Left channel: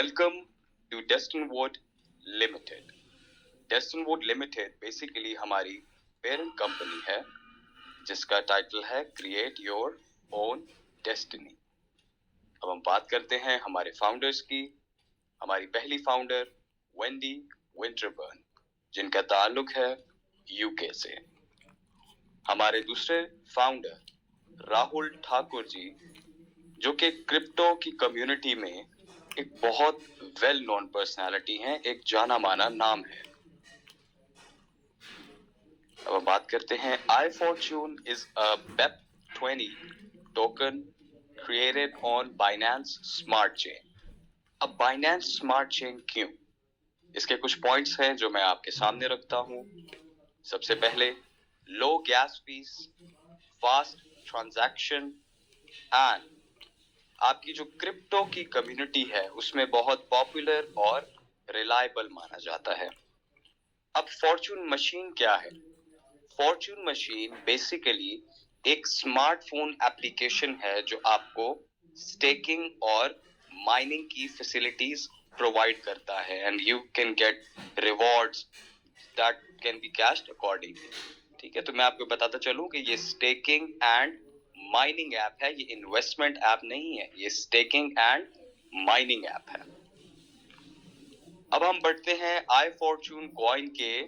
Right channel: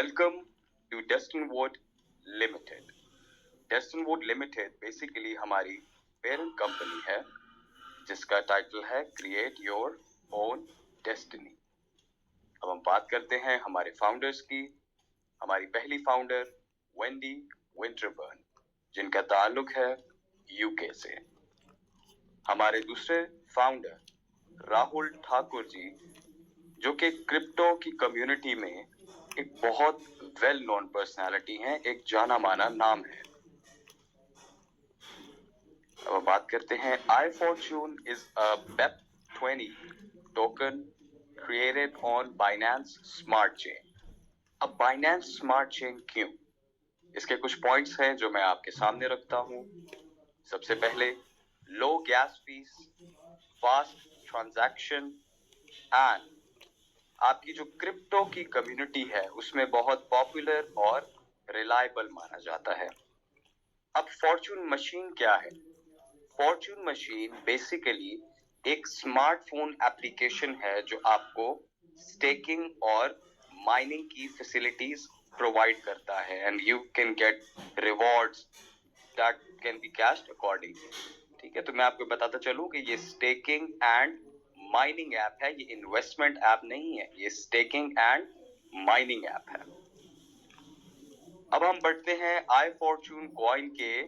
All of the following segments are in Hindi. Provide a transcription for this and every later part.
Welcome to Destinwood Limited. Destinwood Limited basically हमारी पेरेंट कंपनी है जिसका टाइटल है क्रिएट योर ओन डेस्टिनी। अब हम बात करते हैं हमारे फाउंडर्स की। हमारी पहली फाउंडर वेंडी विंटरबर्न, जिनका ताल्लुक है यूके से। हमारे दूसरे फाउंडर राहुल ठाकुर जी, जो कि क्रिप्टो की कम्युनिटी में एक बहुत वेल नोन पर्सनालिटी हैं, एक जाना माना नाम है। अब हम बात करते हैं iFortune is a BEP20 token created on Binance Smart Chain। अब Binance Smart Chain क्यों? इसके कुछ पॉइंट्स हैं जो मैं आपके सामने रखता हूं। सबसे पहले low gas fees, fast transaction and आपकी जो क्रिप्टो की कम्युनिटी है उसमें बहुत पॉपुलर और रिलायबल माना जाता है। अब फॉर्चून मशीन क्या है? फॉर्चून मशीन बेसिकली एक स्मार्टफोन एप्लीकेशन है जो आपको स्टेकिंग और माइनिंग की फैसिलिटीज प्रोवाइड करता है and you can get rewards that can be cached accordingly. ठीक है, तो मैं आपको बताता चलूं कि ये स्टेकिंग एंड माइनिंग ऐप है, ये इन्वेस्टमेंट ऐप नहीं है, ये स्टेकिंग एंड माइनिंग ऐप है। अब हम बढ़ते हैं iFortune कॉइन के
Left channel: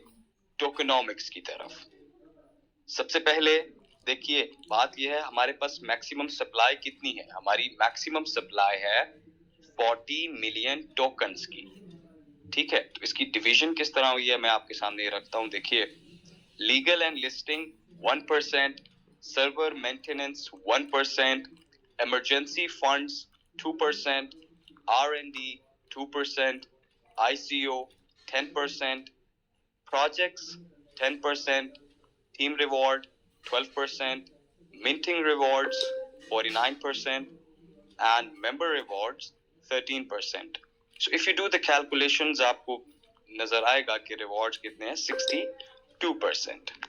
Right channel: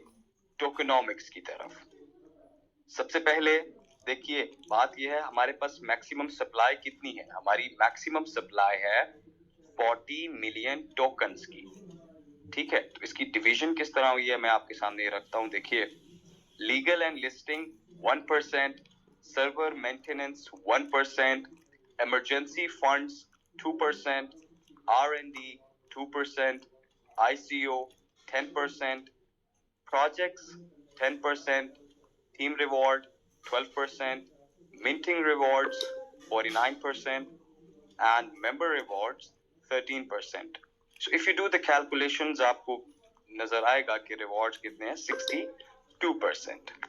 टोकेनोमिक्स की तरफ। सबसे पहले देखिए, बात यह है हमारे पास मैक्सिमम सप्लाई कितनी है। हमारी मैक्सिमम सप्लाई है 40 मिलियन टोकन्स की। ठीक है, तो इसकी डिवीजन किस तरह हुई है मैं आपके सामने रखता हूं। देखिए, legal and listing 1%, server maintenance 1%, emergency funds 2%, R&D 2%, ICO 10%, projects 10%, team reward 12%, minting rewards 49%, and member rewards 13%. So if you do the calculations, आपको नजर आएगा कि रिवॉर्ड्स कितने हैं, 62%।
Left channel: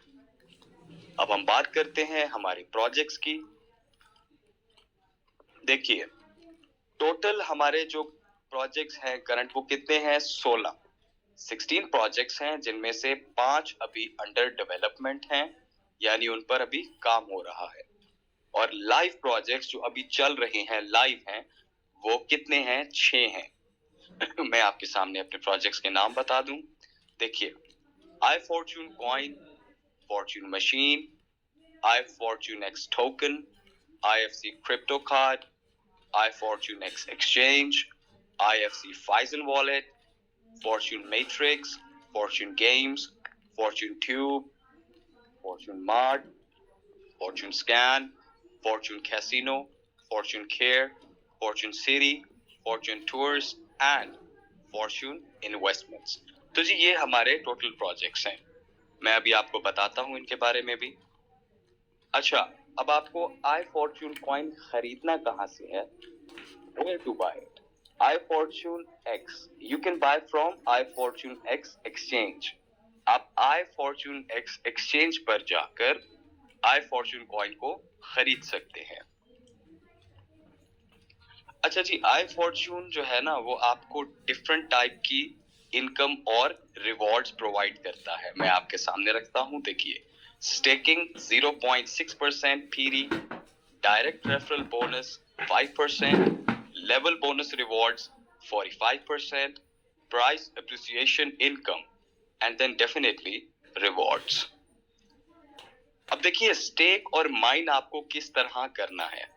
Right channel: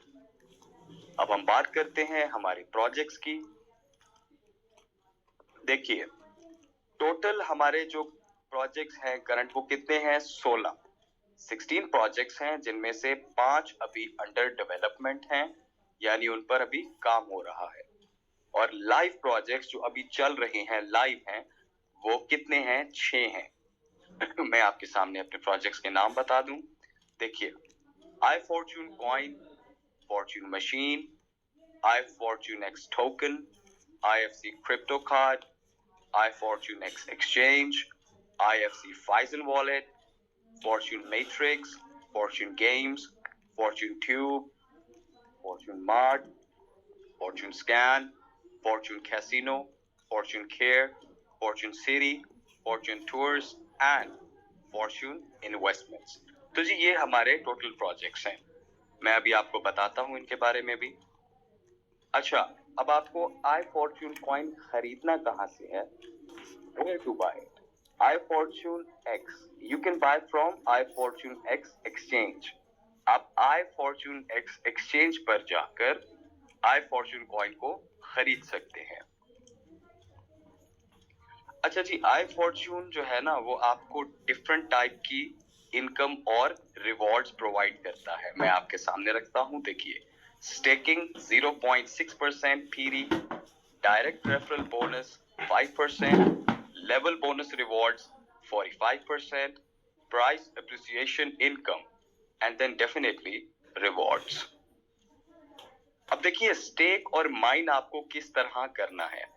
अब हम बात करते हैं हमारे प्रोजेक्ट्स की। देखिए, टोटल हमारे जो प्रोजेक्ट्स हैं करंट वो कितने हैं, 16 प्रोजेक्ट्स हैं, जिनमें से 5 अभी अंडर डेवलपमेंट हैं, यानी उन पर अभी काम हो रहा है। और लाइव प्रोजेक्ट्स जो अभी चल रहे हैं, लाइव हैं, वो कितने हैं, 6 हैं। मैं आपके सामने अपने प्रोजेक्ट्स के नाम बता दूं। देखिए, iFortune coin, Fortune machine, iFortune X token, IFC crypto card, iFortune X exchange, IFC Phison wallet, Fortune Matrix, Fortune Games, Fortune Tube, Fortune Mart, Fortune Scan, Fortune Casino, Fortune Care, Fortune City, Fortune Tours and Fortune Investments। तो जी ये हमारे टोटल प्रोजेक्ट्स हैं। मैं अभी आपको बताता हूं इनके बारे में भी। अच्छा, अब आपको iFortune कॉइन खरीदना कहां से है? Where to buy it? iFortune X. You can buy from iFortune X exchange. आप iFortune X exchange पर जाकर iFortune कॉइन को खरीद सकते हैं। अच्छा जी, iFortune जो है ना वो आपको डिफरेंट टाइप की इनकम और रिवॉर्ड्स प्रोवाइड करता है। मैं आपके सामने रखता हूं। देखिए, स्टेकिंग 0.6% पीरी, direct referral bonus 5%, level bonus rewards 45%, price appreciation income and then definitely rewards. अब देखिए, स्टेक और माइन आपको किस तरह करना है।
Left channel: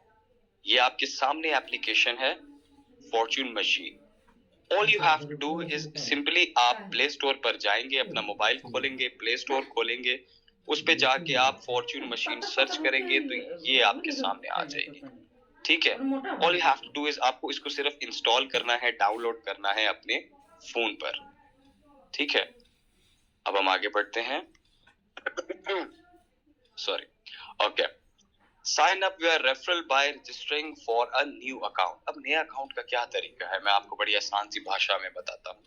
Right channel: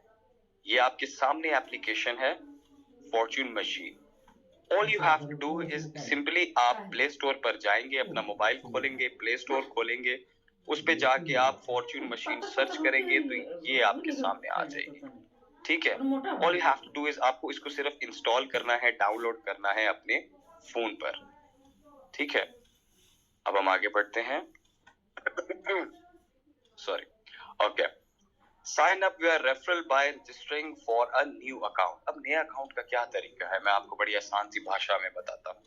ये आपके सामने एप्लीकेशन है fortune machine. All you have to do is simply आप प्ले स्टोर पर जाएंगे, अपना मोबाइल खोलेंगे, प्ले स्टोर खोलेंगे, उस पे जाके आप फॉर्च्यून मशीन सर्च करेंगे तो ये आपके सामने आ जाएगी। ठीक है, all you have to do is आपको इसको सिर्फ इंस्टॉल करना है, डाउनलोड करना है अपने फोन पर। ठीक है, अब हम आगे बढ़ते हैं। Sorry, okay. Sign up your referral by registering for a new account. अब नया अकाउंट का क्या तरीका है, मैं आपको बड़ी आसान सी भाषा में बताता हूँ।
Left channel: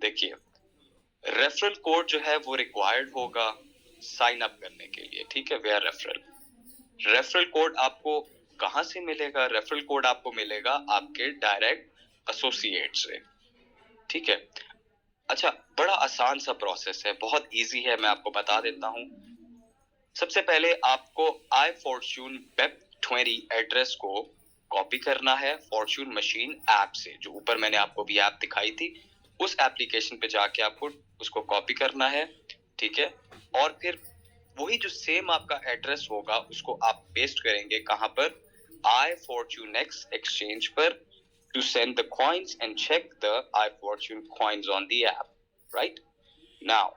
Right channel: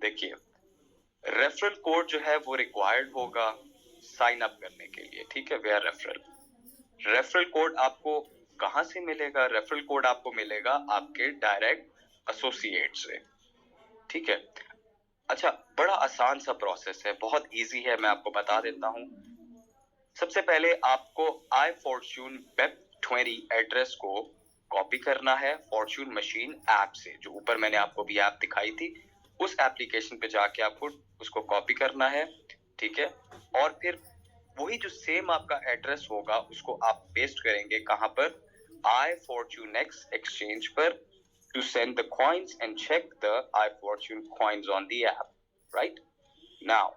देखिए, रेफरल कोड जो है वो रिक्वायर्ड होगा साइन अप करने के लिए। ठीक है, वेयर रेफरल कोड आपको कहां से मिलेगा? रेफरल कोड आपको मिलेगा आपके डायरेक्ट एसोसिएट से, ठीक है। अच्छा, बड़ा आसान सा प्रोसेस है, बहुत इजी है, मैं आपको बता देता हूँ। सबसे पहले आपको आई फॉर्च्यून वेब 20 एड्रेस को कॉपी करना है फॉर्च्यून मशीन ऐप से, जो ऊपर मैंने आपको भी ऐप दिखाई थी, उस एप्लीकेशन पे जाके आपको उसको कॉपी करना है, ठीक है। और फिर वही जो सेम आपका एड्रेस होगा उसको आप पेस्ट करेंगे कहां पर, आई फॉर्च्यून एक्स एक्सचेंज पर, to send the coins and check the iFortune coins on the app, right? Now,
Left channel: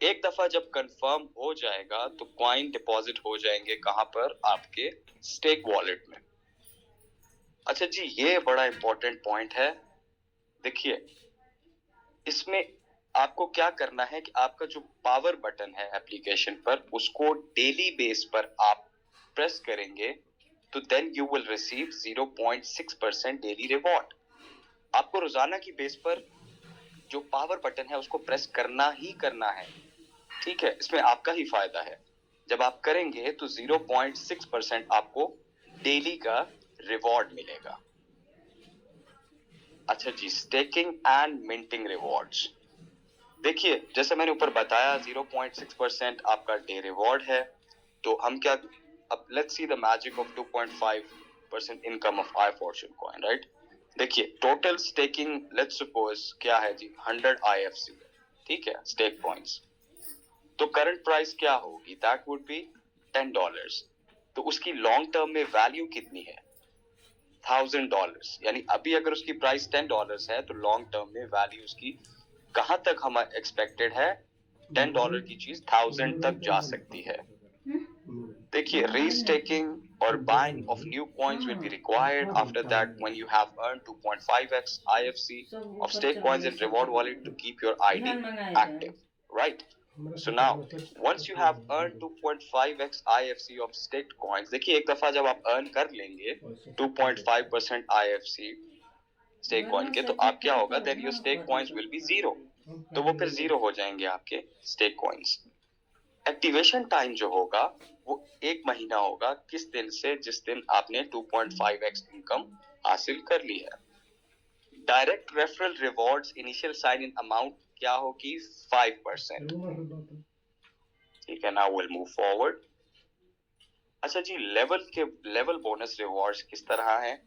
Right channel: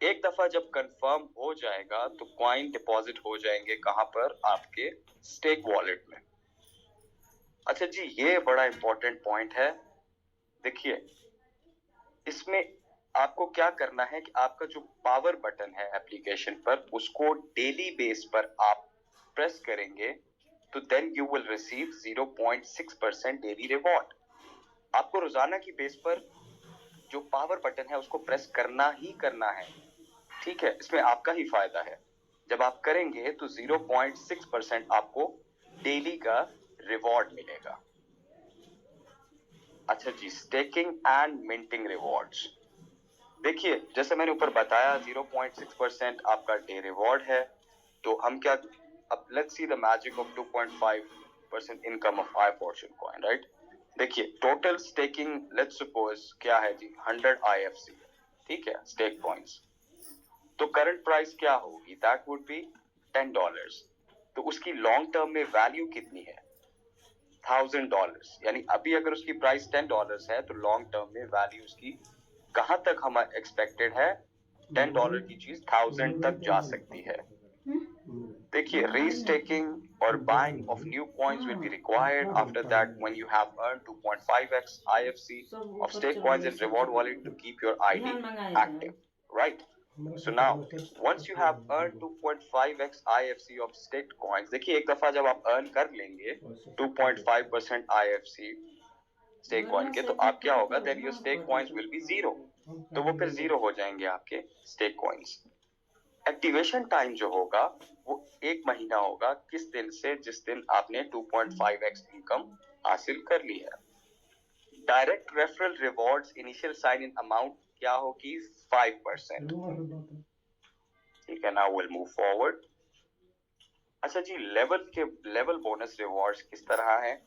एक दफा जब कंफर्म हो जाएगा तो कॉइन डिपॉजिट हो जाएंगे कहां पर, आपके स्टेक वॉलेट में। अच्छा जी, ये बड़ा इंपॉर्टेंट पॉइंट है। देखिए, इसमें आपको क्या करना है कि आपका जो पावर बटन है एप्लीकेशन पर, उसको डेली बेस पर आप प्रेस करेंगे तो then you will receive 0.6% daily reward. आपको रोजाना की बेस पर जो पावर बटन है उसको प्रेस करना ही करना है, ठीक है। इसमें आपका ही फायदा है। जब आप करेंगे तो 0.6% आपको डेली का रिवॉर्ड मिलेगा। अच्छा जी, स्टेकिंग एंड मिंटिंग रिवॉर्ड्स। देखिए, जैसे मैंने ऊपर बताया 0.6% आपका डे रिवॉर्ड है। तो हम क्या, अब let's see the magic of 2.5% income of I Fortune coin, right. देखिए, टोटल स्टेकिंग लेट्स सपोज क्या है जी, 100 IFC, ठीक है, स्टेक पॉइंट्स। तो करंट प्राइस क्या होगी, दैट वुड बी $10। तो उसकी लॉन्ग टर्म में वैल्यू कितनी है, $1000। यानी अभी अगर उसकी प्राइस $10 है तो लॉन्ग टर्म में वैल्यू उसकी कहां तक हम एक्सपेक्टेड है, $10 की चीज 1000 तक जा सकती है। देखिए, रीस्टेकिंग और buying of new coins will be required after that when you have earn 2.5x IFC of stake coins and reward wallet to keep your ID active, right? So now, once you have earned 2.5x IFC of staked coins, देखिए एक दफा जब आप अर्न कर लेंगे 2.5% IFC स्टेक कॉइन के, तो आप क्या होगा, then your stake coins will be zero. तो वो फिर जीरो हो जाएंगे आपके स्टेक कॉइन्स। एक्टिवेशन टाइम जो होगा वो 1 महीना होगा, किस दिन से, जिस दिन आपने 2.5x इनकम हासिल कर ली है। Direct referral rewards initial sign in amount क्या होगी, 5%, ठीक है। Now will move forward. अच्छा जी, लेवल बोनस रिवॉर्ड्स किस तरह है।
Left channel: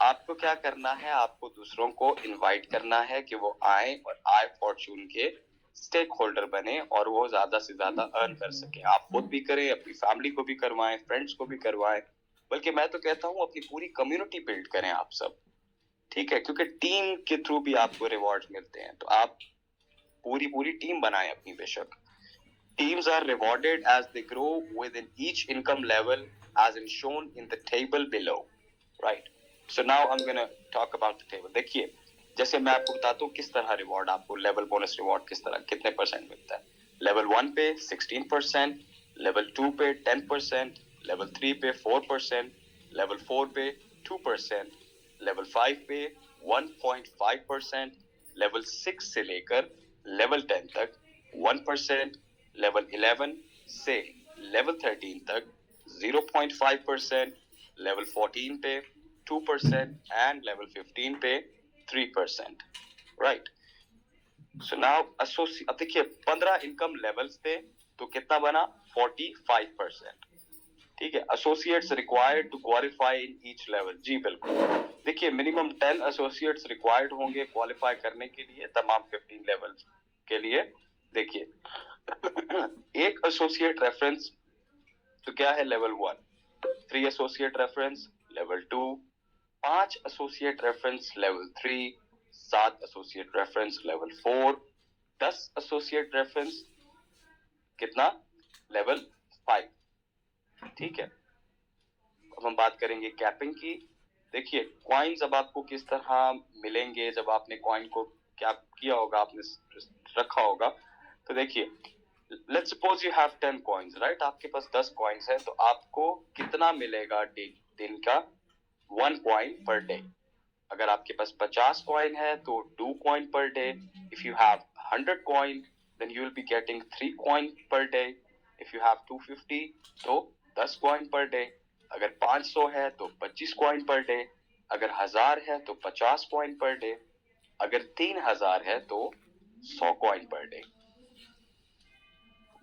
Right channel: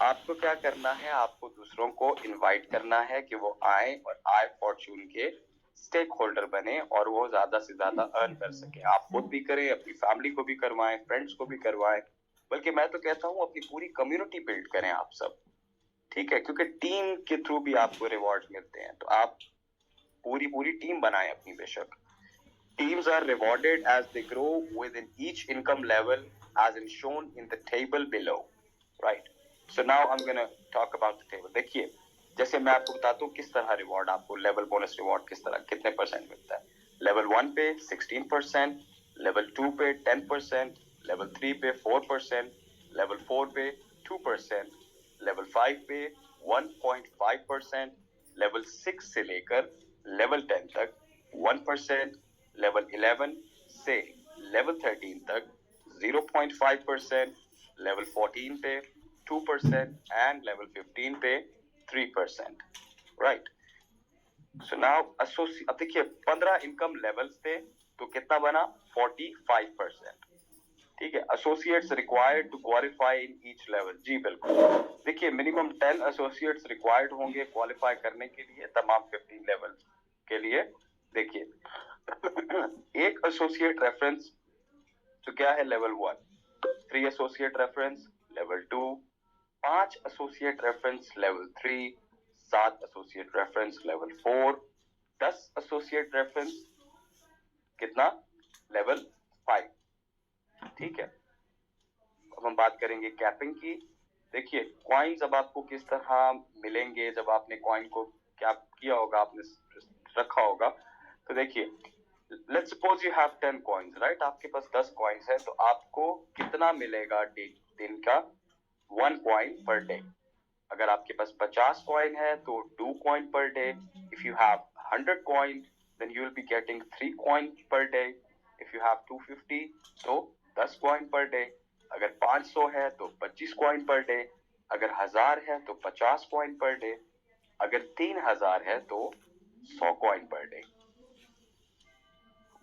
आपको क्या करना है, आपको दूसरों को इनवाइट करना है कि वो आए और आई फॉर्च्यून के स्टेक होल्डर बने और वो ज्यादा से ज्यादा अर्न कर सके। आप खुद भी करें, अपनी फैमिली को भी करवाएं, फ्रेंड्स को भी करवाएं, बल्कि मैं तो कहता हूँ अपनी पूरी कम्युनिटी बिल्ड करें आप सब, ठीक है। क्योंकि टीम के थ्रू भी आपको रिवॉर्ड मिलते हैं, तो आप पूरी टीम बनाएं अपनी बेशक। Teams are rewarded as they grow within each income level as in shown in the table below, right? So now I'm going to talk about the table. देखिए, जैसे मैं आपको बताता हूँ किस तरह रिवॉर्ड आपको, लेवल बोनस रिवॉर्ड किस तरह, कितने परसेंट मिलता है। लेवल 1 पे 16%, लेवल 2 पे 10%, लेवल 3 पे 4%, लेवल 4 पे 2%, लेवल 5 पे 1.5%, लेवल 6 से लेकर लेवल 10 तक 1%, लेवल 11 से लेवल 13 तक 0.5%, लेवल 14 पे 2% एंड लेवल 15 पे 3%, राइट। सो नाउ अब देखिए 15 इनकम लेवल्स थे तो कितना बना, 45%, ठीक है। Associates required to qualify in each level, जी बिल्कुल। देखिए, मिनिमम 10 एसोसिएट्स रिक्वायर्ड होंगे क्वालिफाई करने के लिए तमाम 15 लेवल के लिए। देखिए, एक एसोसिएट रेफरेंस तो क्या है, level 1, 3 associate reference level 2, 5 associate reference level 3, 7 associate reference level 4, 10 associate reference कितना, लेवल 5, ठीक है। अब हम बात करेंगे कैपिंग की। देखिए, कॉइन्स अब आपको किस तरह मिलेंगे, जब आपने कॉइन को क्या किया होगा, आपने रखा होगा। तो देखिए, let's suppose you have 10 coins, right. आपके पास 10 कॉइन्स है, तो आपको कितना मिलेगा दिन का, 1 कॉइन पर डे। अगर आपके पास 50 कॉइन है तो 2 coin per day. If you have 100 coin then you will be getting 3 coin per day. If you have 250 तो 10 कॉइन पर डे। अगर 500 है तो 25 कॉइन पर डे। अगर 1000 है तो 50 कॉइन पर डे, अगर 3000 है तो 100 कॉइन पर डे।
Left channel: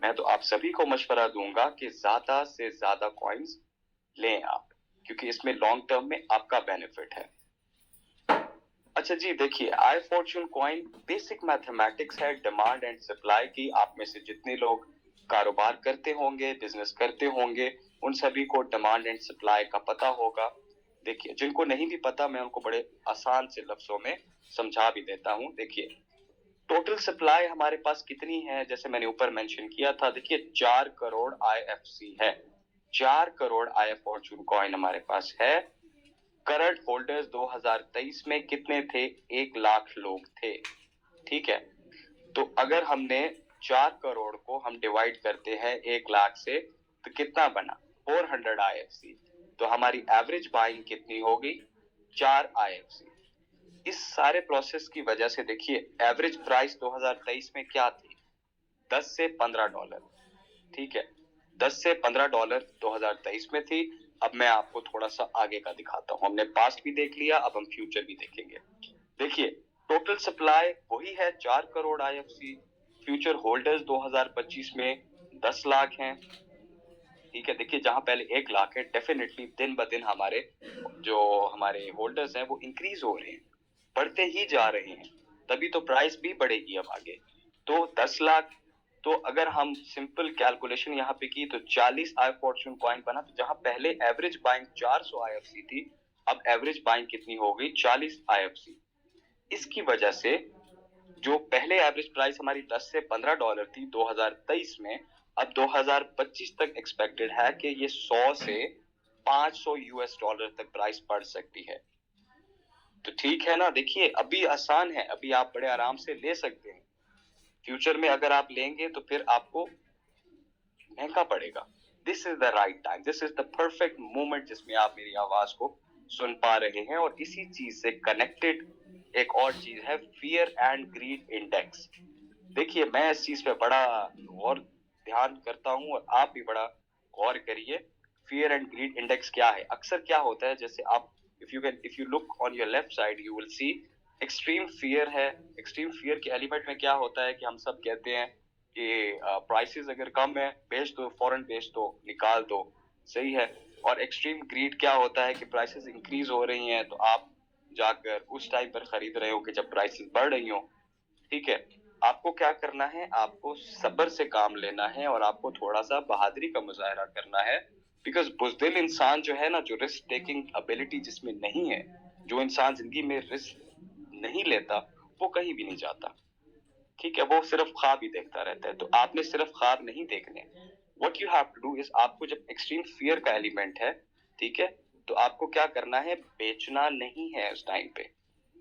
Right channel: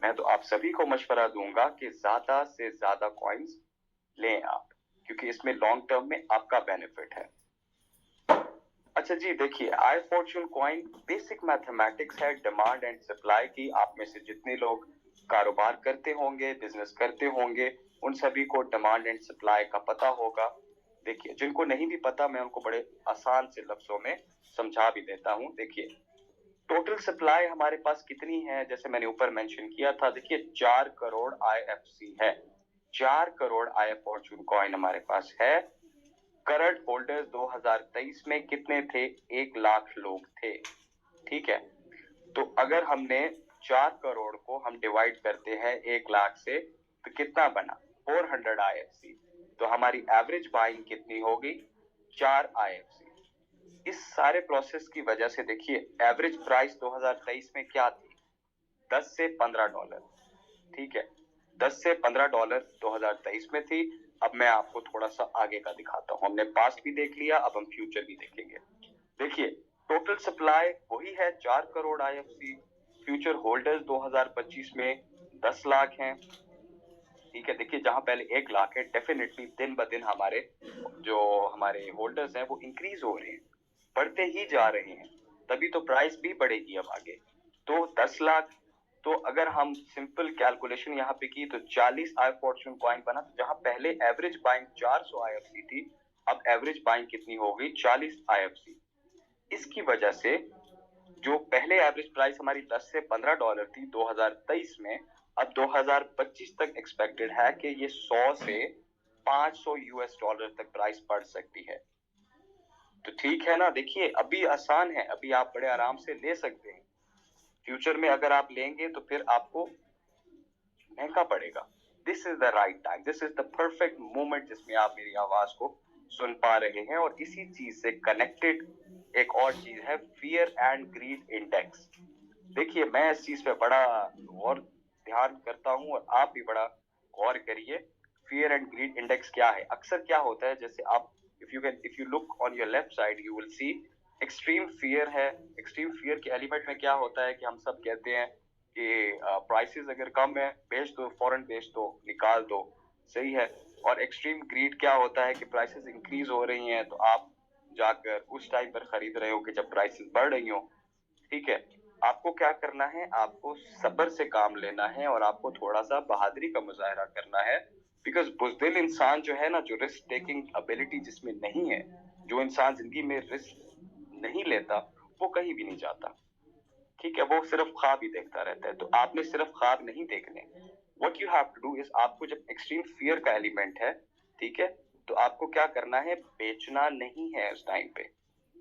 मैं तो आप सभी को मशवरा दूंगा कि ज्यादा से ज्यादा कॉइन्स लें आप, क्योंकि इसमें लॉन्ग टर्म में आपका बेनिफिट है। अच्छा जी, देखिए आई फॉर्चून कॉइन बेसिक मैथमेटिक्स है डिमांड एंड सप्लाई की। आप में से जितने लोग कारोबार करते होंगे, बिजनेस करते होंगे, उन सभी को डिमांड एंड सप्लाई का पता होगा। देखिए, जिनको नहीं भी पता, मैं उनको बड़े आसान से लफ्जों में समझा भी देता हूँ। देखिए, टोटल सप्लाई हमारे पास कितनी है, जैसे मैंने ऊपर मेंशन किया था। देखिए 4 करोड़ IFC है, 4 करोड़ आई फॉर्चून कॉइन हमारे पास है। करंट होल्डर्स 2023 में कितने थे? 1 लाख लोग थे, ठीक है। तो अगर हमने 4 करोड़ को हम डिवाइड करते हैं 1 लाख से, तो कितना बना? 400 IFC। तो हमारी एवरेज बाइंग कितनी होगी? 4 IFC। इस सारे प्रोसेस की वजह से देखिए एवरेज प्राइस 2023 में क्या थी? 10 से 15 डॉलर, ठीक है। 10 से 15 डॉलर 2023 में थी। अब मैं आपको थोड़ा सा आगे का दिखाता हूँ। हमने पास्ट भी देख लिया, अब हम फ्यूचर भी देखेंगे। देखिए टोटल सप्लाई वही है 4 करोड़ IFC। फ्यूचर होल्डर्स 2025 में 10 लाख हैं, ठीक है। देखिए जहां पहले 1 लाख है, डेफिनेटली दिन ब दिन हमारे जो हमारे होल्डर्स हैं वो इंक्रीज हो रहे हैं, बढ़ते ही जा रहे हैं, तभी तो प्राइस भी बढ़ेगी अब आगे। तो 10 लाख, तो अगर हम सिंपल कैलकुलेशन यहाँ पे की तो 40 आई फॉर्चून कॉइन बना। तो जहां पहले एवरेज बाइंग 400 IFC थी, अब एवरेज बाइंग कितनी हो गई? 40 IFC। इसकी वजह से जो पहले एवरेज प्राइस हमारी 10 से 15 डॉलर थी 2023 में, अब 2025 तक एक्सपेक्टेड है कि ये 100 से 500 US डॉलर तक प्राइस बढ़ सकती है। तो ठीक है ना। देखिए अभी आसान है, अभी आप बड़े आराम से ले सकते हैं। फ्यूचर में अगर आप लेंगे तो फिर आपको महंगा पड़ेगा। This is the right time, this is the perfect moment जिसमें आप मेरी आवाज को सुन पा रहे हैं। और इसी चीज से कनेक्टेड एक और चीज है, फियर एंड ग्रीड इंडेक्स। देखिए मैं इस चीज पे बड़ा और ध्यान करता हूं, और आप भी बड़ा गौर करिए। फियर एंड ग्रीड इंडेक्स क्या है? अक्सर क्या होता है, जैसे आप if you look on your left side you will see extreme fear है। एक्सट्रीम फियर के एलिमेंट में क्या होता है कि हम सब कहते हैं कि प्राइसेस अगर कम है, बेच दो, फौरन बेच दो, निकाल दो, सही है। और एक्सट्रीम ग्रीड क्या होता है कि प्राइसेस इंक्रीज हो रही हैं तो आप जाकर उस टाइम पर खरीद रहे हो कि जब प्राइसेस बढ़ रही हो, ठीक है। आपको क्या करना है? आपको सब्र से काम लेना है और आपको थोड़ा सा बहादुरी का मुजाहरा करना है। बिकॉज बुज़दिल इंसान जो है ना, जो रिस्क टेकिंग एबिलिटी जिसमें नहीं है, जो इंसान जिंदगी में रिस्क नहीं लेता, वो कहीं भी नहीं जाता, ठीक है। वो सिर्फ ख्वाब ही देखता रहता है। तो आपने सिर्फ ख्वाब नहीं देखने। What you have to do is, आपको जब एक्सट्रीम फियर का एलिमेंट है, ठीक है, तो आपको क्या करना है? बेचना नहीं है उस टाइम पे।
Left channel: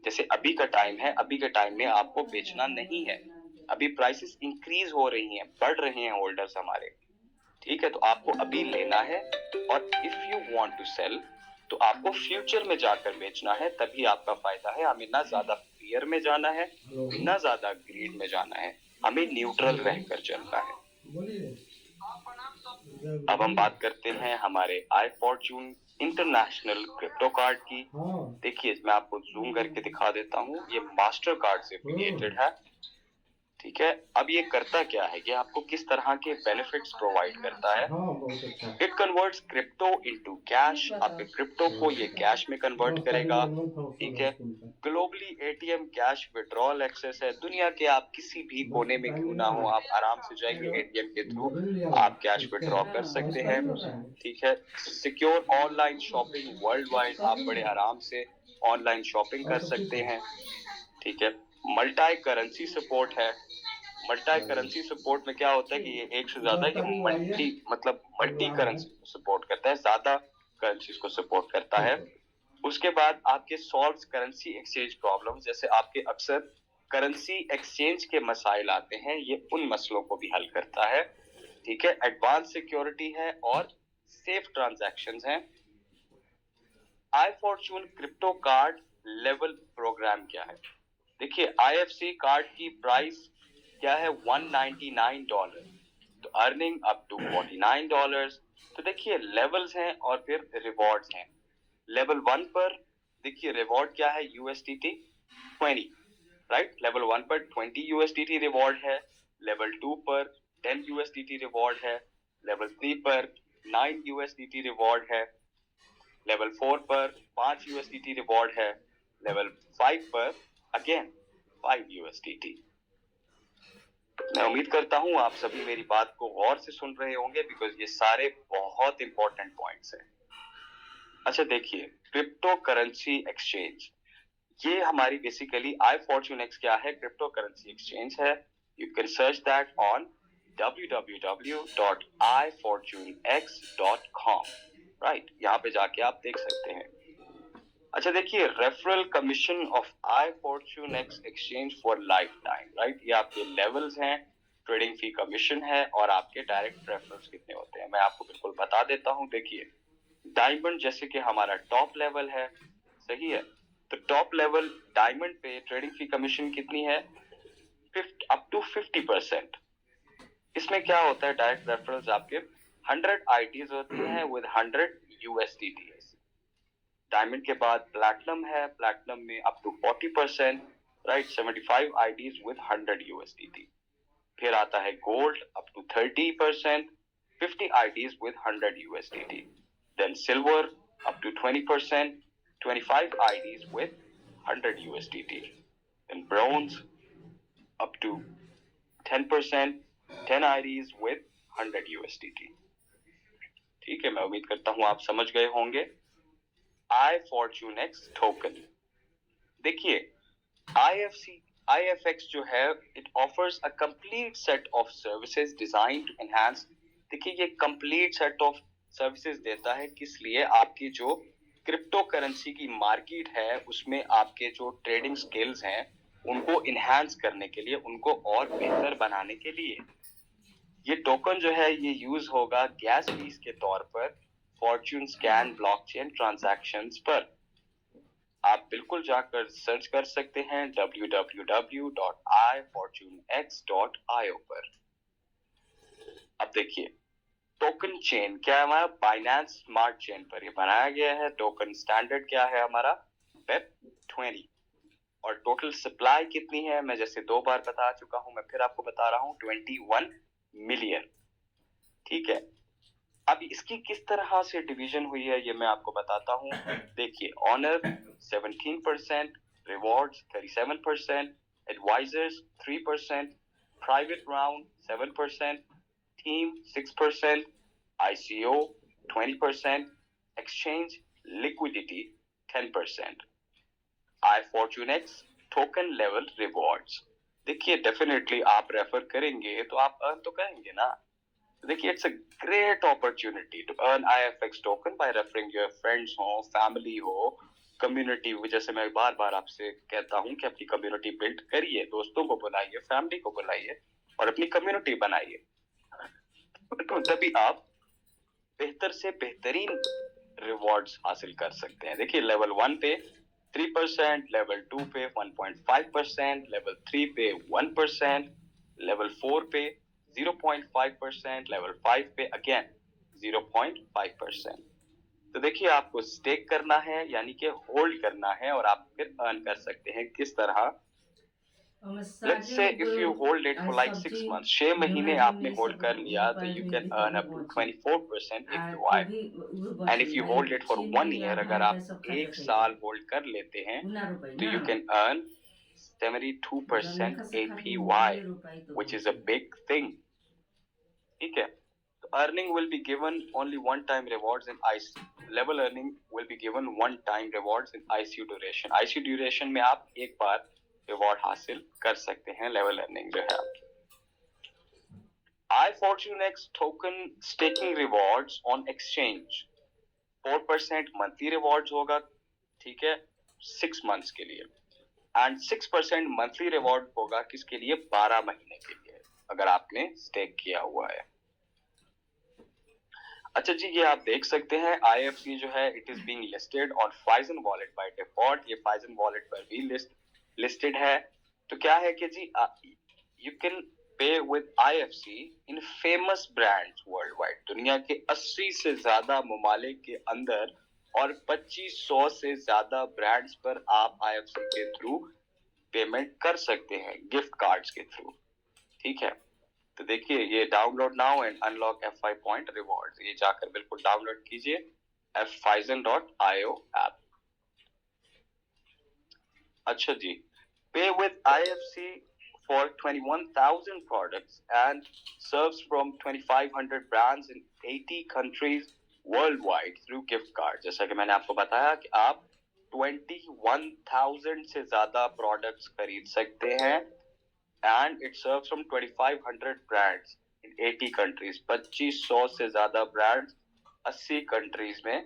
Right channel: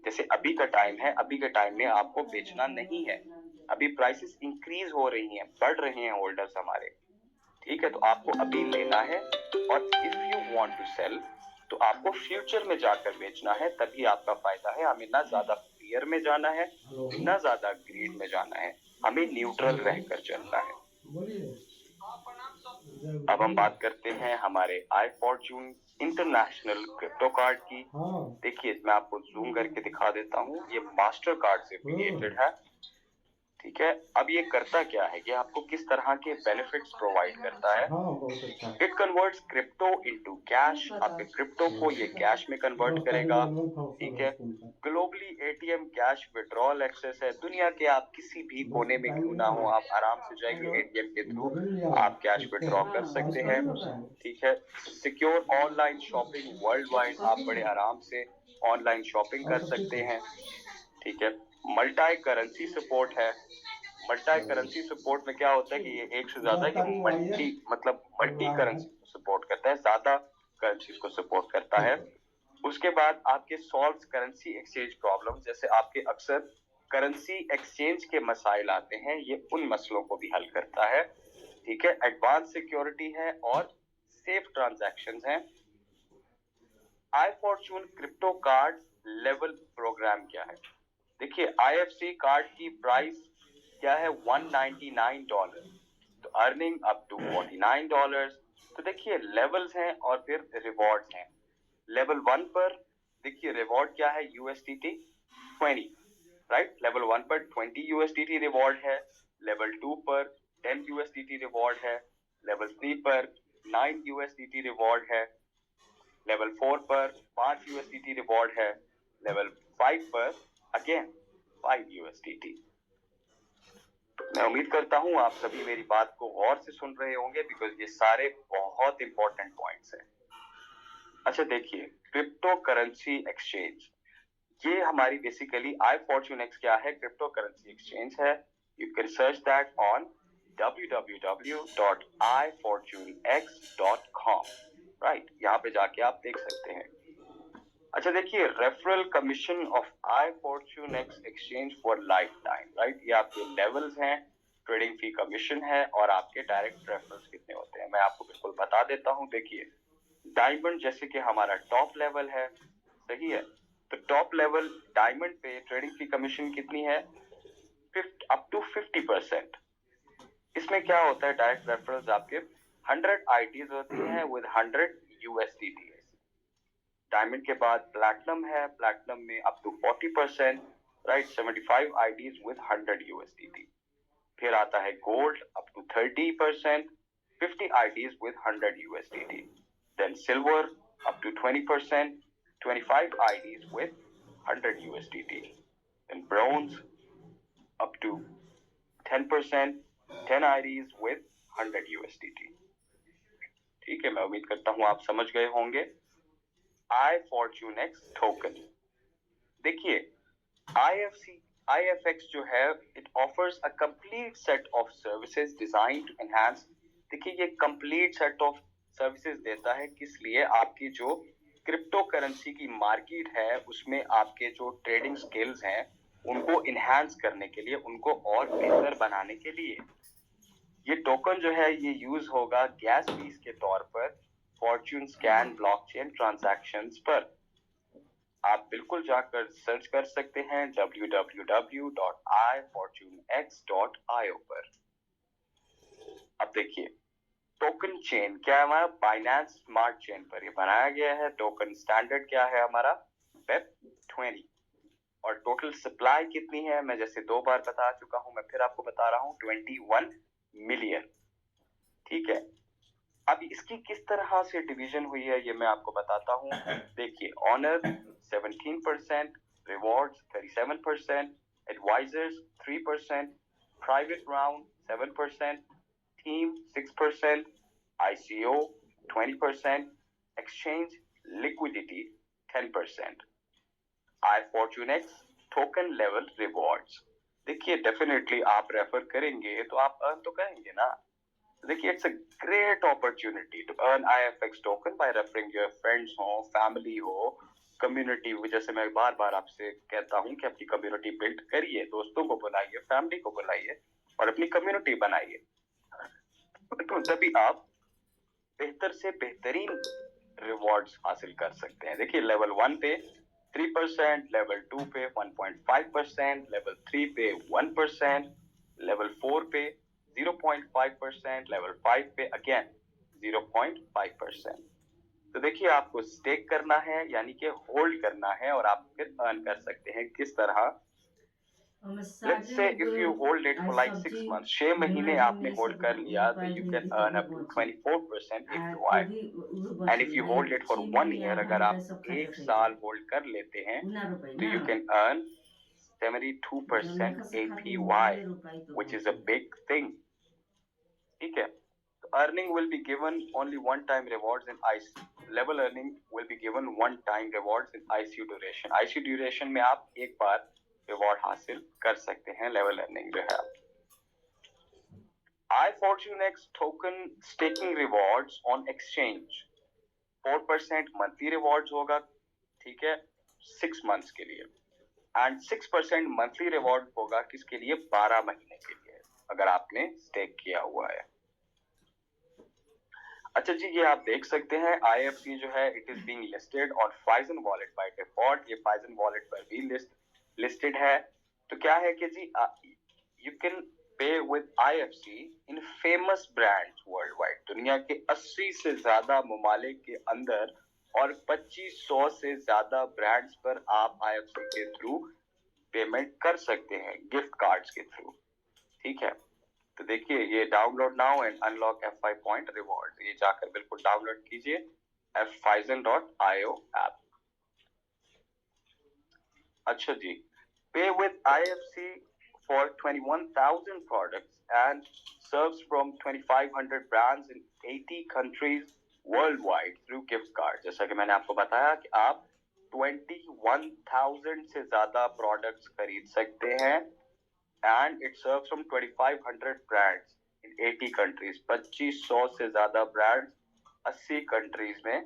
जैसे अभी का टाइम है, अभी के टाइम में आपको बेचना नहीं है। अभी प्राइसेस इंक्रीज हो रही हैं, बढ़ रहे हैं होल्डर्स हमारे, ठीक है। तो आपको अभी लेना है। और if you want to sell, तो आपको फ्यूचर में जाकर बेचना है, तभी आपका फायदा है। हमें ना ज्यादा फियर में जाना है, ना ज्यादा ग्रीड में जाना है, हमें न्यूट्रल रहकर चलना है। अब हम बात करते हैं हमारे आई फॉर्चून इंटरनेशनल क्रिप्टो कार्ड की। देखिए मैं आपको जूम करके दिखा देता हूँ, ये मास्टर कार्ड से एफिलिएटेड है, ठीक है। अब ये करता क्या है कि आपको किस तरह के बेनिफिट्स प्रोवाइड करता है। It converts crypto into cash. आपके क्रिप्टो को ये कैश में कन्वर्ट करेगा, ठीक है। Globally ATM cash withdrawal access है। दुनिया के आप किसी भी कोने में क्यों ना हो, आप आराम से जाइए ATM के थ्रू आप कैश विड्रॉ कर सकते हैं, ठीक है। Secure online shopping world wide, आप बड़े आराम से ऑनलाइन शॉपिंग कर सकते हैं, ठीक है। मल्टी करेंसी सपोर्ट है। मल्टी करेंसी सपोर्ट में क्या होता है कि ये एक से ज्यादा मल्टी करेंसी सपोर्ट करता है, ज्यादा करेंसीज को सपोर्ट करता है। उसके बाद आपके सॉल्व्स करेंसी एक्सचेंज प्रॉब्लम, जैसे आपके अक्सर करेंसी एक्सचेंज के मसाइल आते हैं, ये उन मसलों को भी हल करता है, ठीक है। एडवांस सिक्योरिटी है और सेफ ट्रांजैक्शंस हैं। I Fortune crypto card level programme क्या है? देखिए IFC कार्ड की प्राइस क्या है? $199, तो अर्निंग अप टू $49। तो देखिए लेवल्स हैं और फिर रिवॉर्ड्स हैं। लेवल 1 पर देखिए रिवॉर्ड क्या है, USDT 20, राइट। लेवल 1 पर 20 USDT रिवॉर्ड है, लेवल 2 पर 10 USDT रिवॉर्ड है, लेवल 3 पर 9 USDT रिवॉर्ड है, लेवल 4 पर 5 USDT रिवॉर्ड है, लेवल 5 पर अगेन 5 USDT। मैं उम्मीद करता हूं आप सभी मेरी बात को गौर से सुन रहे होंगे, बिकॉज ये सारे बहुत इंपॉर्टेंट पॉइंट्स हैं। अच्छा देखिए, क्रिप्टो करेंसी एक्सचेंज, ये हमारी बेसिकली iFortuneX क्या है, क्रिप्टो करेंसी एक्सचेंज है। You can search that on www.ifortunex.com, right, यहाँ पे जाके आप देख सकते हैं। अच्छा देखिए, referral commission of iFortuneX exchange for life time, right, ये आपके लेवल्स हैं, ट्रेडिंग फी कमीशन है और आपके डायरेक्ट रेफरल्स कितने होते हैं मैं आपको बिल्कुल बता देता हूं। देखिए डायमंड जैसे कि हमारा टॉप लेवल है, सही है, तो टॉप लेवल डायमंड पे ट्रेडिंग फी कमीशन कितनी है, अप टू 50%। इसमें क्या होता है, डायरेक्ट रेफरल्स आपके 100 आईडीज होती हैं विद 100 USDT। डायमंड के बाद प्लैटिनम है, प्लैटिनम में up to 40%, right, 75 IDs with 100 USDT। फिर आता है gold, up to 30%, 50 IDs with 100 USDT. Then silver, up to 20%, 25 IDs with 100 USDT. Then bronze, up to 10%, 10 IDs with 100 USDT. ठीक है, मैं उम्मीद करता हूं आप समझ गए होंगे। iFortuneX टोकन, देखिए IFX जो है, it offers a complete set of services designed to enhance, देखिए ये complete set of services देता है, किस लिए, आपकी जो क्रिप्टो करेंसी की मार्केट है उसमें आपके जो ट्रेडिंग स्किल्स हैं उनको इनहांस करने के लिए, उनको और बेहतर बनाने के लिए। ये टोकन जो है ये यूज होगा गैस फीस के तौर पर फॉर्च्यून स्कैन ब्लॉकचेन ट्रांजैक्शंस पर। आप बिल्कुल जाकर सर्च कर सकते हैं www.ifortunex.io पर। अब देखिए टोकन चेन क्या है हमारा, बाइनेंस स्मार्ट चेन पर ये बनाया गया है। टोकन स्टैंडर्ड क्या है हमारा, BEP20। और टोटल सप्लाई कितनी है, मैं जैसे 2 बार बता चुका हूं, मैं फिर आपको बता रहा हूं, 21 मिलियन। ठीक है, अब इसकी किस तरह से डिवीजन हुई है ये मैं आपको बताता हूं। देखिए owner 17%, rewards 37%, advisors 3%, private round 7%, team 6%, ICO 20%, exchange liquidity 10%। iFortuneX token level rewards, देखिए डेफिनेटली आप रेफर करेंगे तो आप अर्न तो करेंगे ना। देखिए it's a great opportunity to earn IFX token by referring your friends हो, फैमिली हो, कम्युनिटी। जैसे मैं बार बार आपसे कहता हूं कि अपनी कम्युनिटी बिल्ड करिए, दोस्तों को बुलाइए, फैमिली को बुलाइए और अपनी कम्युनिटी बनाइए, तो तभी आप बेहतर से बेहतरीन रिवॉर्ड्स हासिल कर सकते हैं। देखिए लेवल 1 पे 3%, लेवल 2 पे 1.5%, लेवल 3 पे 1%, लेवल 4 पे 0.5%, लेवल 5 पे अगेन 0.5%। तो देखिए आपको स्टेक करना है, यानी कि होल्ड करना है और आप फिर अर्न कर सकते हैं किस तरह। Let's say if you hold it for like 6 months, 6 महीने आपने होल्ड कर लिया, तो you can earn up to 24% APY. And if you hold it for 1 year, अगर आप 1 साल होल्ड कर लेते हैं तो you can earn 72% APY, which is a big thing. ठीक है, तो earning will be given only one time rewards in IC level, earning will be given one time rewards in ICU duration. ICU duration में आप एक बार रिवॉर्ड हासिल कर सकते हैं, लेवल अर्निंग जो है। iFortuneX token staking rewards on exchange 4% monthly rewards होगा, ठीक है, 6 मंथ्स के लिए, एंड 6% मंथली रिवॉर्ड होगा किसके लिए, 12 महीने के लिए, अगर आपने स्टेक किया हुआ है। अच्छा जी, ये आप देख सकते हैं IFC जो है it is being listed on Phison wallet by default. ये Phison वॉलेट पर भी लिस्टेड है। तो क्या है कि जी you can pay with IFC in famous brands world wide. दुनिया के 80 से ज्यादा ममालिक के अंदर और 2500 से ज्यादा ब्रांड्स पर आप IFC के थ्रू पेमेंट कर सकते हैं गिफ्ट कार्ड्स के थ्रू। ठीक है, तो देखिए ये download now and unlock F5 point rewards, ये जाकर बिल्कुल डाउनलोड कीजिए fphison.io ऐप। अच्छा जी, पे with IFC for 21,000 products and serves from 2,500 brands in 80 countries worldwide through gift cards। जैसा कि मैंने आपको बताया कि आप 21,000 से ज्यादा प्रोडक्ट्स खरीद सकते हैं and it serves from 2,500 brands in 80 countries। 2500 से ज्यादा ब्रांड्स 80 कंट्रीज में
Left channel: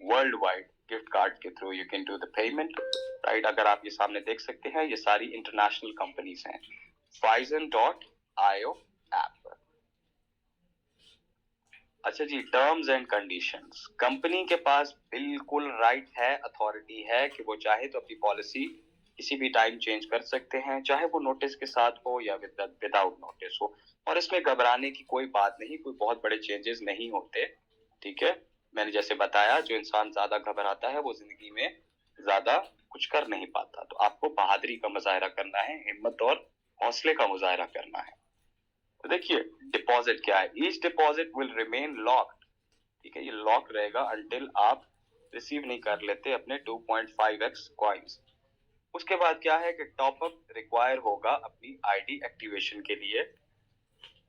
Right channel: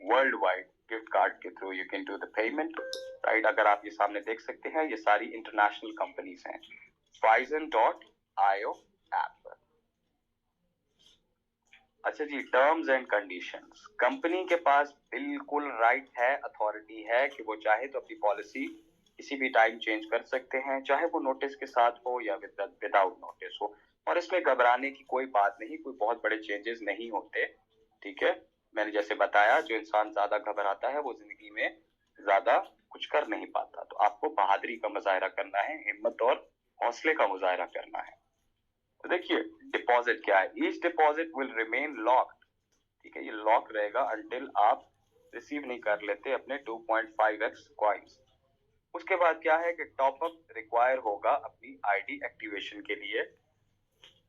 वर्ल्ड वाइड गिफ्ट कार्ड के through you can do the payment, right. अगर आप ये सामने देख सकते हैं, ये सारी इंटरनेशनल कंपनीज हैं phison.io ऐप पर। अच्छा जी, टर्म्स एंड कंडीशंस। कंपनी के पास बिल्कुल राइट है, अथॉरिटी है कि वो चाहे तो अपनी पॉलिसी किसी भी टाइम चेंज कर सकते हैं, चाहे वो नोटिस के साथ हो या विदाउट नोटिस हो, और इसमें घबराने की कोई बात नहीं, कोई बहुत बड़े चेंजेस नहीं होते। ठीक है, मैंने जैसे बताया, जो इंसान ज्यादा घबराता है वो जिंदगी में ज्यादा कुछ कर नहीं पाता। तो आपको बहादुरी का मुजाहरा करना है, हिम्मत और हौसले का मुजाहरा करना है। तो देखिए डिपॉजिट क्या है, each deposit will remain locked. ठीक है, ये लॉक रहेगा अंटिल आप रिसीव नहीं कर लेते अपने 2.5x कॉइन्स। उसके बाद क्या है कि टॉपअप रिक्वायर होगा अपनी आईडी एक्टिवेशन के लिए।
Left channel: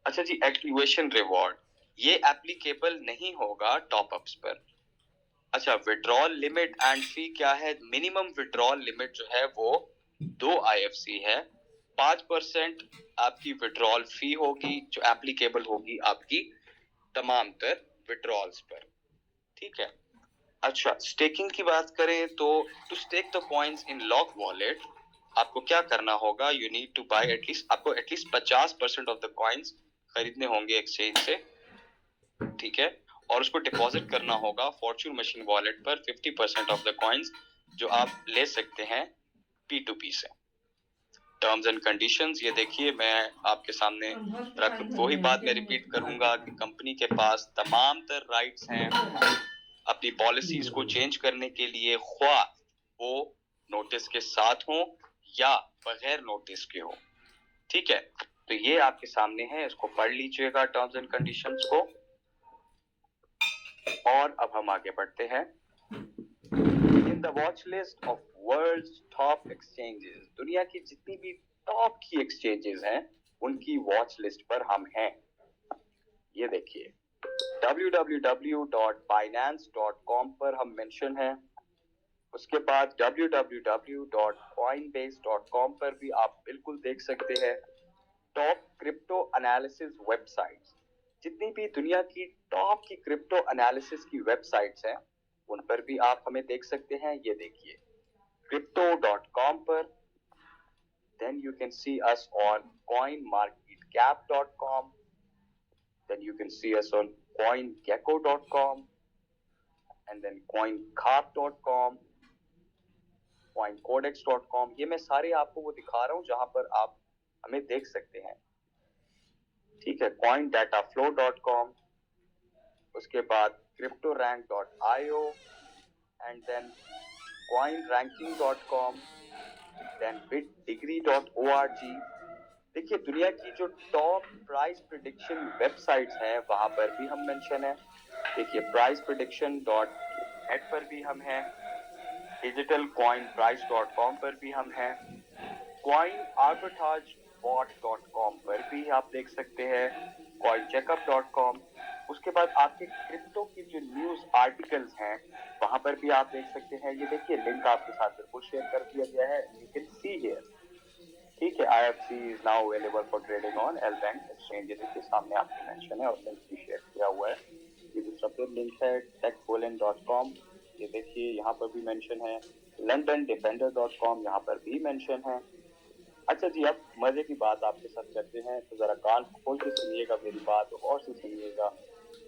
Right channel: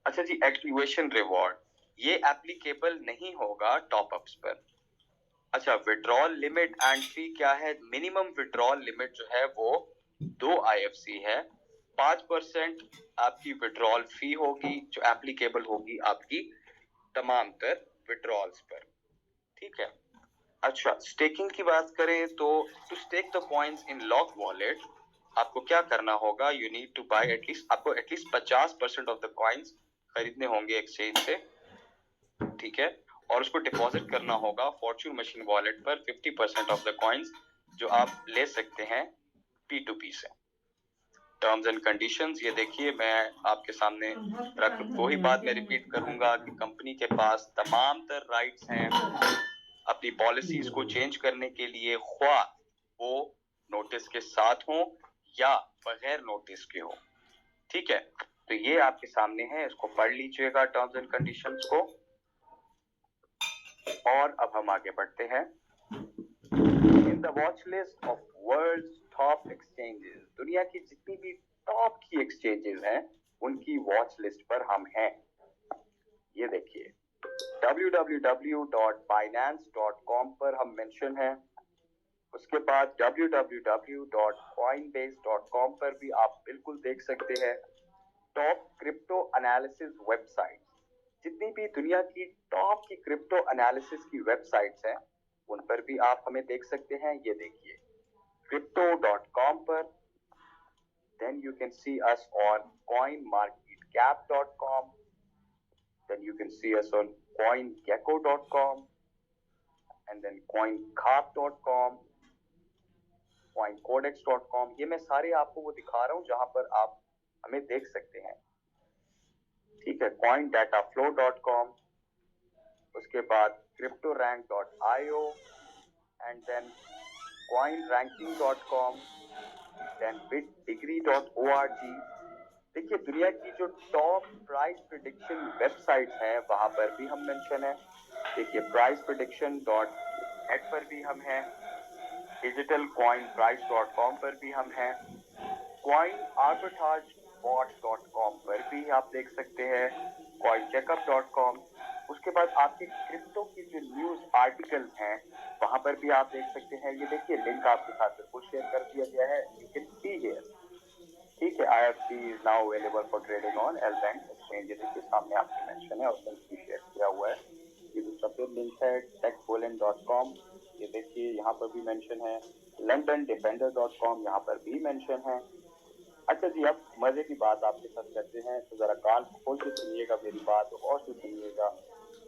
अच्छा जी, एक्टिवेशन रिवॉर्ड ये एप्लीकेबल नहीं होगा टॉपअप्स पर। अच्छा, विड्रॉल लिमिट एंड फी क्या है, मिनिमम विड्रॉल लिमिट जो है वो 2 IFC है। 5% आपकी विड्रॉल फी होगी जो एप्लीकेबल होगी आपकी तमाम तर विड्रॉल्स पर। ठीक है, अच्छा स्टेकिंग की बात करें तो to stake the coins in lock wallet आपको क्या करना होगा, you need to buy at least, आपको एटलीस्ट 50% ऑफ द कॉइन्स खरीदने होंगे एक्सचेंज से। ठीक है, और उसको डिपॉजिट करना होगा फॉर्च्यून मशीन वॉलेट पर 50% ऑफ द कॉइन्स जो आप ले सकते हैं P2P से। टर्म्स एंड कंडीशंस ये देखिए, मैं आपके सामने रख, वही बात मैं रिपीट करूंगा कि कंपनी के पास तमाम तर राइट्स हैं अपनी पॉलिसीज को चेंज करने के लिए, ख्वाह वो नोटिस के साथ हो या बगैर नोटिस के हो। ठीक है, तो ये आपके सामने है, इसको पढ़ लीजिएगा टर्म्स एंड कंडीशंस को। और अब हम आगे बढ़ते हैं। In the watch list of world's top exchanges, दुनिया की जितनी भी टॉप की एक्सचेंजेस हैं उनकी वॉच लिस्ट पर हम हैं। ये देखिए www.binance.com पर हम मेंशन हैं। उसके बाद www.coinbase.com पर भी आप बिल्कुल देख सकते हैं। टॉप क्रिप्टो एनालिसिस वेबसाइट्स, जितनी भी दुनिया की टॉप की क्रिप्टो एनालिसिस की वेबसाइट्स हैं उन पर भी आप हमें देख सकते हैं। ये देखिए crypto.com पर, then you can see us on coinmarketcap.com, then you can see us on coingecko.com and then coincarp.com, coincodex.com। ये मैं सारे आपको वो दिखा रहा हूँ जहां पर आप हमें देख सकते हैं। ठीक है, coindataflow.com, उसके बाद cryptorank.io and then coinranking.com, then bitdegree.org। देखिए दुनिया की जो टॉप प्राइस प्रिडिक्शन वेबसाइट्स हैं वहां पर भी हम मेंशन है। देखिए priceprediction.net पर भी हम हैं, digitalcoinprice.com पर भी हम हैं, coinarbitragebot.com पर भी आप देख सकते हैं, coincheckup.com। उसके बाद आपके क्रिप्टो की जो न्यूज आर्टिकल्स हैं वहां पर भी आप देख सकते हैं। ये देखिए लिंक आपके साथ बिल्कुल शेयर कर दिया गया है, यू कैन सी हियर। ठीक है, IFC is now available for trading on LBank exchange, के सामने आपको मेंशन है और लिंक भी शेयर किया हुआ है। ये दूसरा फिर लिंक है techpoland.com, ये देखिए यहाँ पर भी मेंशन है। londondefender.com, यहाँ पर भी मेंशन है। अच्छा जी, अब मजे की बात आपके साथ करते हैं, तो जरा कान खोल के सुनिएगा मेरी बात और से सुनिएगा,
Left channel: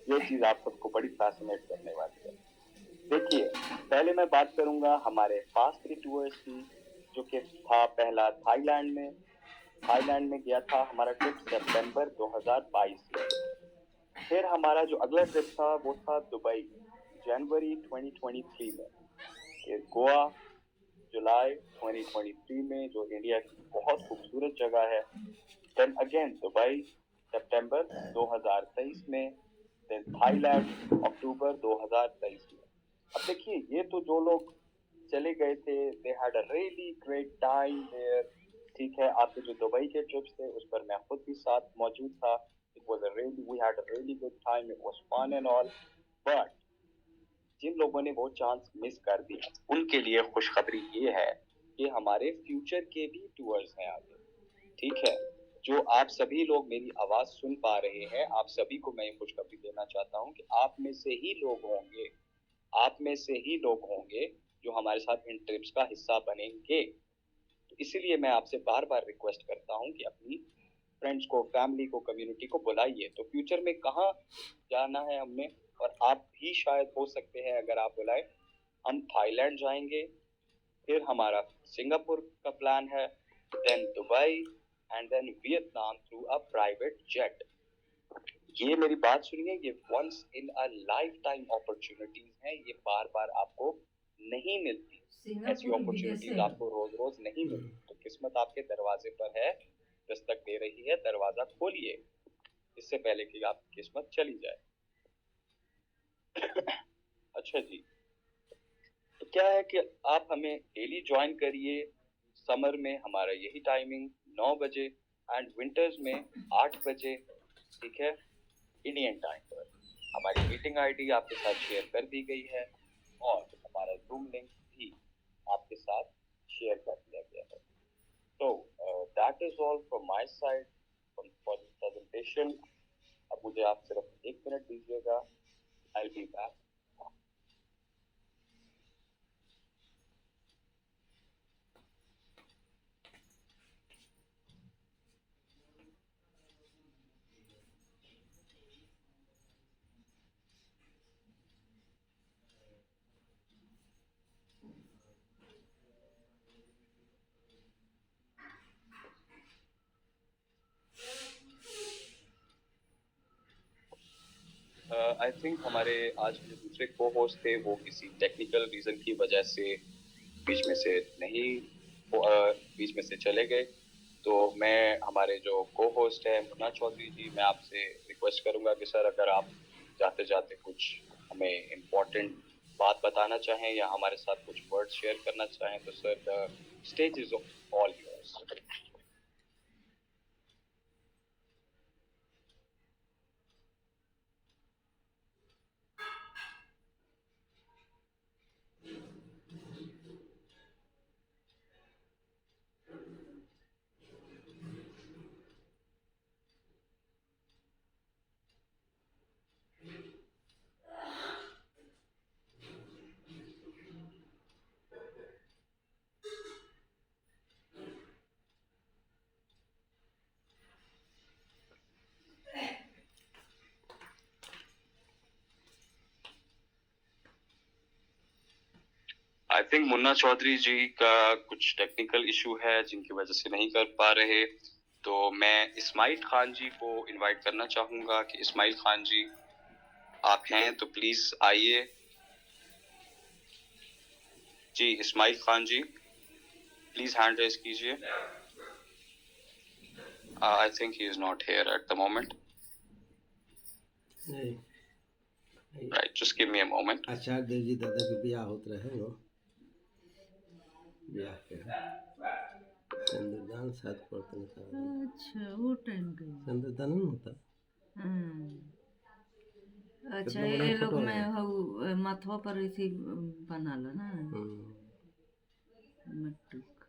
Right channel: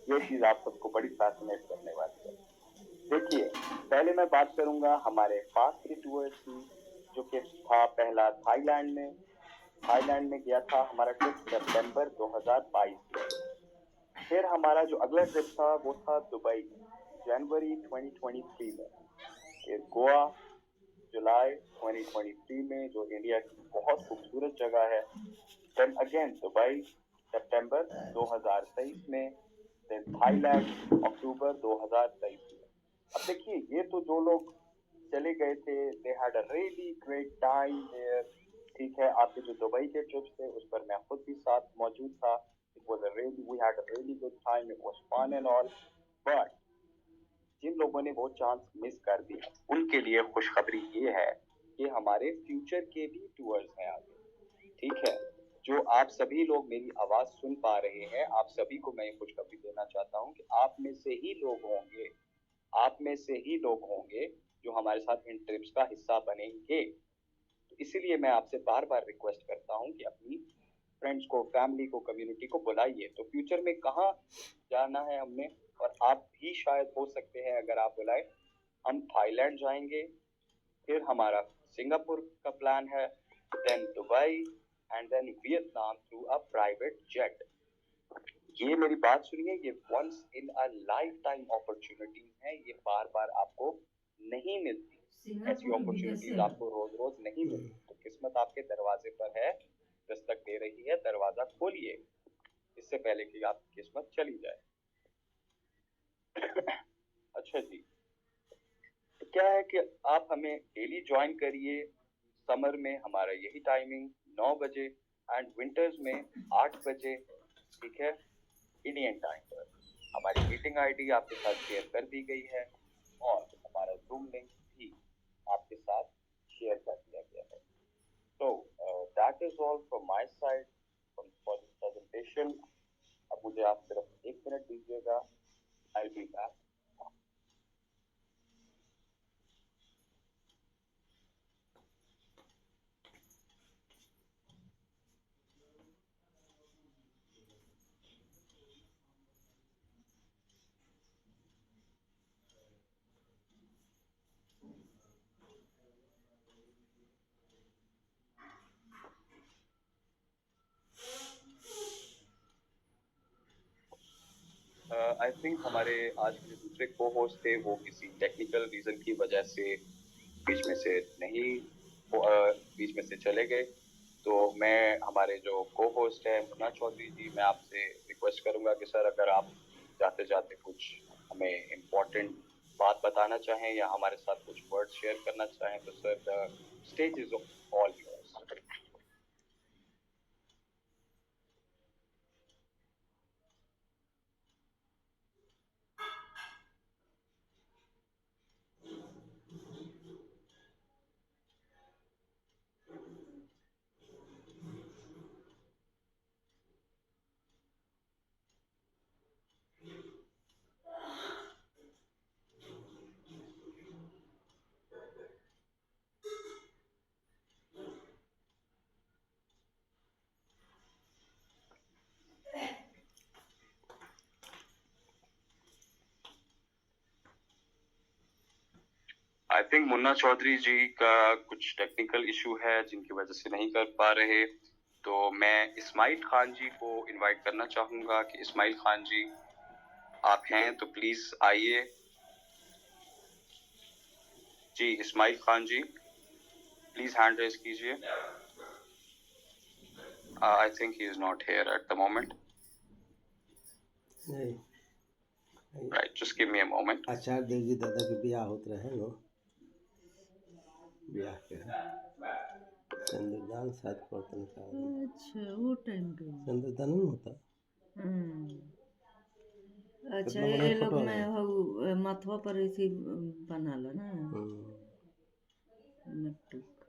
ये चीज आप सबको बड़ी फैसिनेट करने वाली है। देखिए पहले मैं बात करूंगा हमारे फास्ट टूर्स की, जो कि था पहला थाईलैंड में गया था हमारा ट्रिप सितंबर 2022 में। फिर हमारा जो अगला ट्रिप था वो था दुबई में, जनवरी 2023 में, फिर गोवा जुलाई 2023 में, जो इंडिया की बहुत खूबसूरत जगह है। देन अगेन दुबई सितंबर 2023 में, देन थाईलैंड अक्टूबर 2023 में। अब देखिए, ये तो जो लोग चले गए थे, they had a really great time there. ठीक है, आपके जो दुबई के ट्रिप्स थे उस पर मैं खुद भी साथ मौजूद था। It was a really, we had a really good time, it was fun and all. But जिन लोगों ने वो चांस मिस कर दिया, उनके लिए खुशखबरी ये है कि हमारे फ्यूचर के भी टूर्स हैं आगे। ठीक है, जो आप सभी लोग मेरी आवाज सुन पा रहे हैं, आप सभी को मैं ये खुशखबरी देना चाहता हूँ कि आप में से ही लोग होंगे जो हमारे साथ इन ट्रिप्स का हिस्सा बनेंगे। तो इसीलिए मैं आपसे बार बार रिक्वेस्ट करता हूँ कि अपनी फ्रेंड्स को, फैमिली को, कम्युनिटी को बुलाइए। तो फ्यूचर में कहाँ जाना है हमने, और आप भी शायद हो सकते हैं अगर आप बुलाए, हम थाईलैंड जाएंगे, फिर हमारा सिंगापुर का प्लान है, then Dubai, and then Vietnam through a private jet. ये मेरी बात सुनिए, ये once in a life time opportunities हैं, ये बार बार आपको नहीं मिलती। ऐसी अपॉर्चुनिटीज आपको रोज रोज नहीं मिलती। तो किस्मत आपके दरवाजे पर है, दस्तक दे रही है, दरवाजा खोलिए इससे पहले कि आपकी किस्मत चली जाए। अच्छा जी, तो क्या है कि आप हमें डेली ज्वाइन करिए। समर में हमारा यही टाइमिंग 9 बजे, एंड विंटर्स में 8 बजे। ठीक है, इंडियन टाइम पर। हमारी मीटिंग आईडी आपके साथ शेयर कर दी गई है, और हमारा जूम लिंक भी आपके साथ शेयर कर दिया गया है। तो that is all from my side for this presentation. अब मुझे आप सिर्फ 1 मिनट दीजिएगा, I will be back. I think हमारे आज के जो दूसरे को होस्ट थे वो किसी टेक्निकल रीजन की वजह से बीच में से नहीं बीच में से चले गए। तो मैं, हमारे जो को होस्ट है मुन्ना चौधरी जी, मैं आपसे रिक्वेस्ट करूंगा कि सर अगर आप जाते जाते कुछ हमें इम्पोर्टेंट बात बताना चाहें या हमारे साथ कुछ वर्ड शेयर करना चाहें, तो sir the stage is all yours. I think Munna Chaudhary ji का कुछ टेक्निकल इशू है जिनकी वजह से नहीं कर पा रहे। तो मैं इस्माइल खान जी को इनवाइट करना चाहूंगा कि इस्माइल खान जी आप हैं तो प्लीज आइए। जी Ismail Khan ji, please hand raise कीजिए। I think he is not here at the moment. Right, just give me a moment. Acharya Dev ji दादा के ब्याह होत रहे नो, ब्याह के सिंदूरदान शायद पड़तन का। अच्छा, वो टाइम का ही। सिंदूरदान नहीं होता। अच्छा, कितना ये बढ़िया लोग फोटो में है। हो माथवा पर ऐसे बनाला ना मटक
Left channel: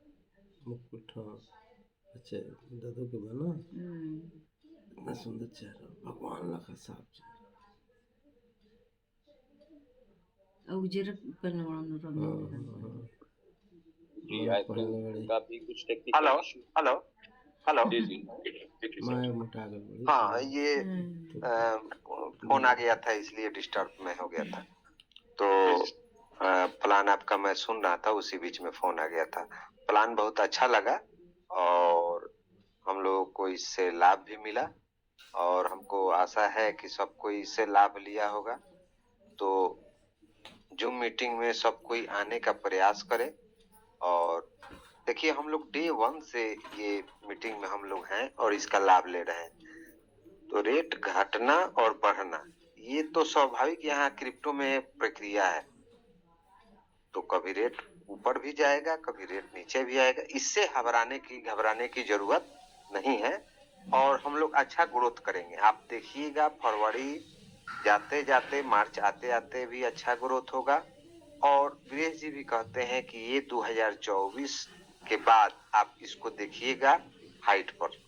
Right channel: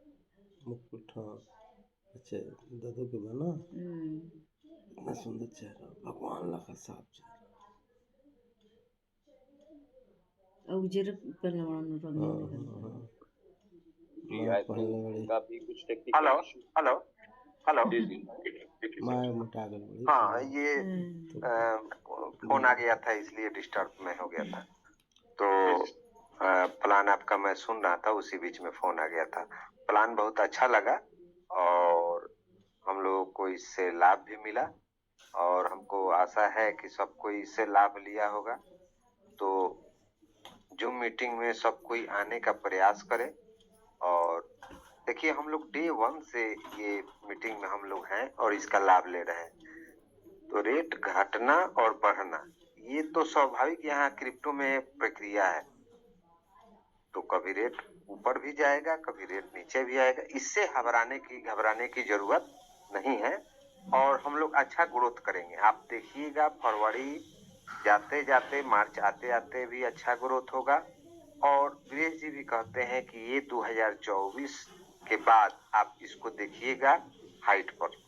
मुकुट। हाँ, अच्छा दादू के बना इतना सुंदर चेहरा, भगवान लगा साफ चेहरा। और उजर पहनले वाला रंग जी आई थिंक का भी कुछ टेक्निकल इशू। हेलो हेलो जी जी माया मोटा गल बड़ी। हाँ, ये फोन आ गया था इसलिए डिस्टर्ब में हो गया था। तो प्लान आपका मैं सुन रहा था, उसी बीच में फोन आ गया था। प्लान बहुत अच्छा लगा और हम लोगों को इससे लाभ भी मिला, और हमको आशा है कि सब कोई इससे लाभ लिया होगा। तो जूम मीटिंग में सब कोई आने का प्रयास करे। और देखिए हम लोग डे 1 से ये मीटिंग में हम लोग हैं और इसका लाभ ले रहे हैं। तो रेट घटना और बढ़ना ये तो स्वाभाविक यहाँ क्रिप्टो में प्रक्रिया है। तो कभी रेट ऊपर भी जाएगा, कभी रेट नीचे भी आएगा। इससे घबराने की जरूरत नहीं है और हम लोग अच्छा ग्रोथ करेंगे। आप देखिएगा फरवरी जाते जाते मार्च आते आते भी अच्छा ग्रोथ होगा। और वीरेश जी भी कहते हैं कि ये 2024 के बाद आप इसको देखिएगा हाइट पर।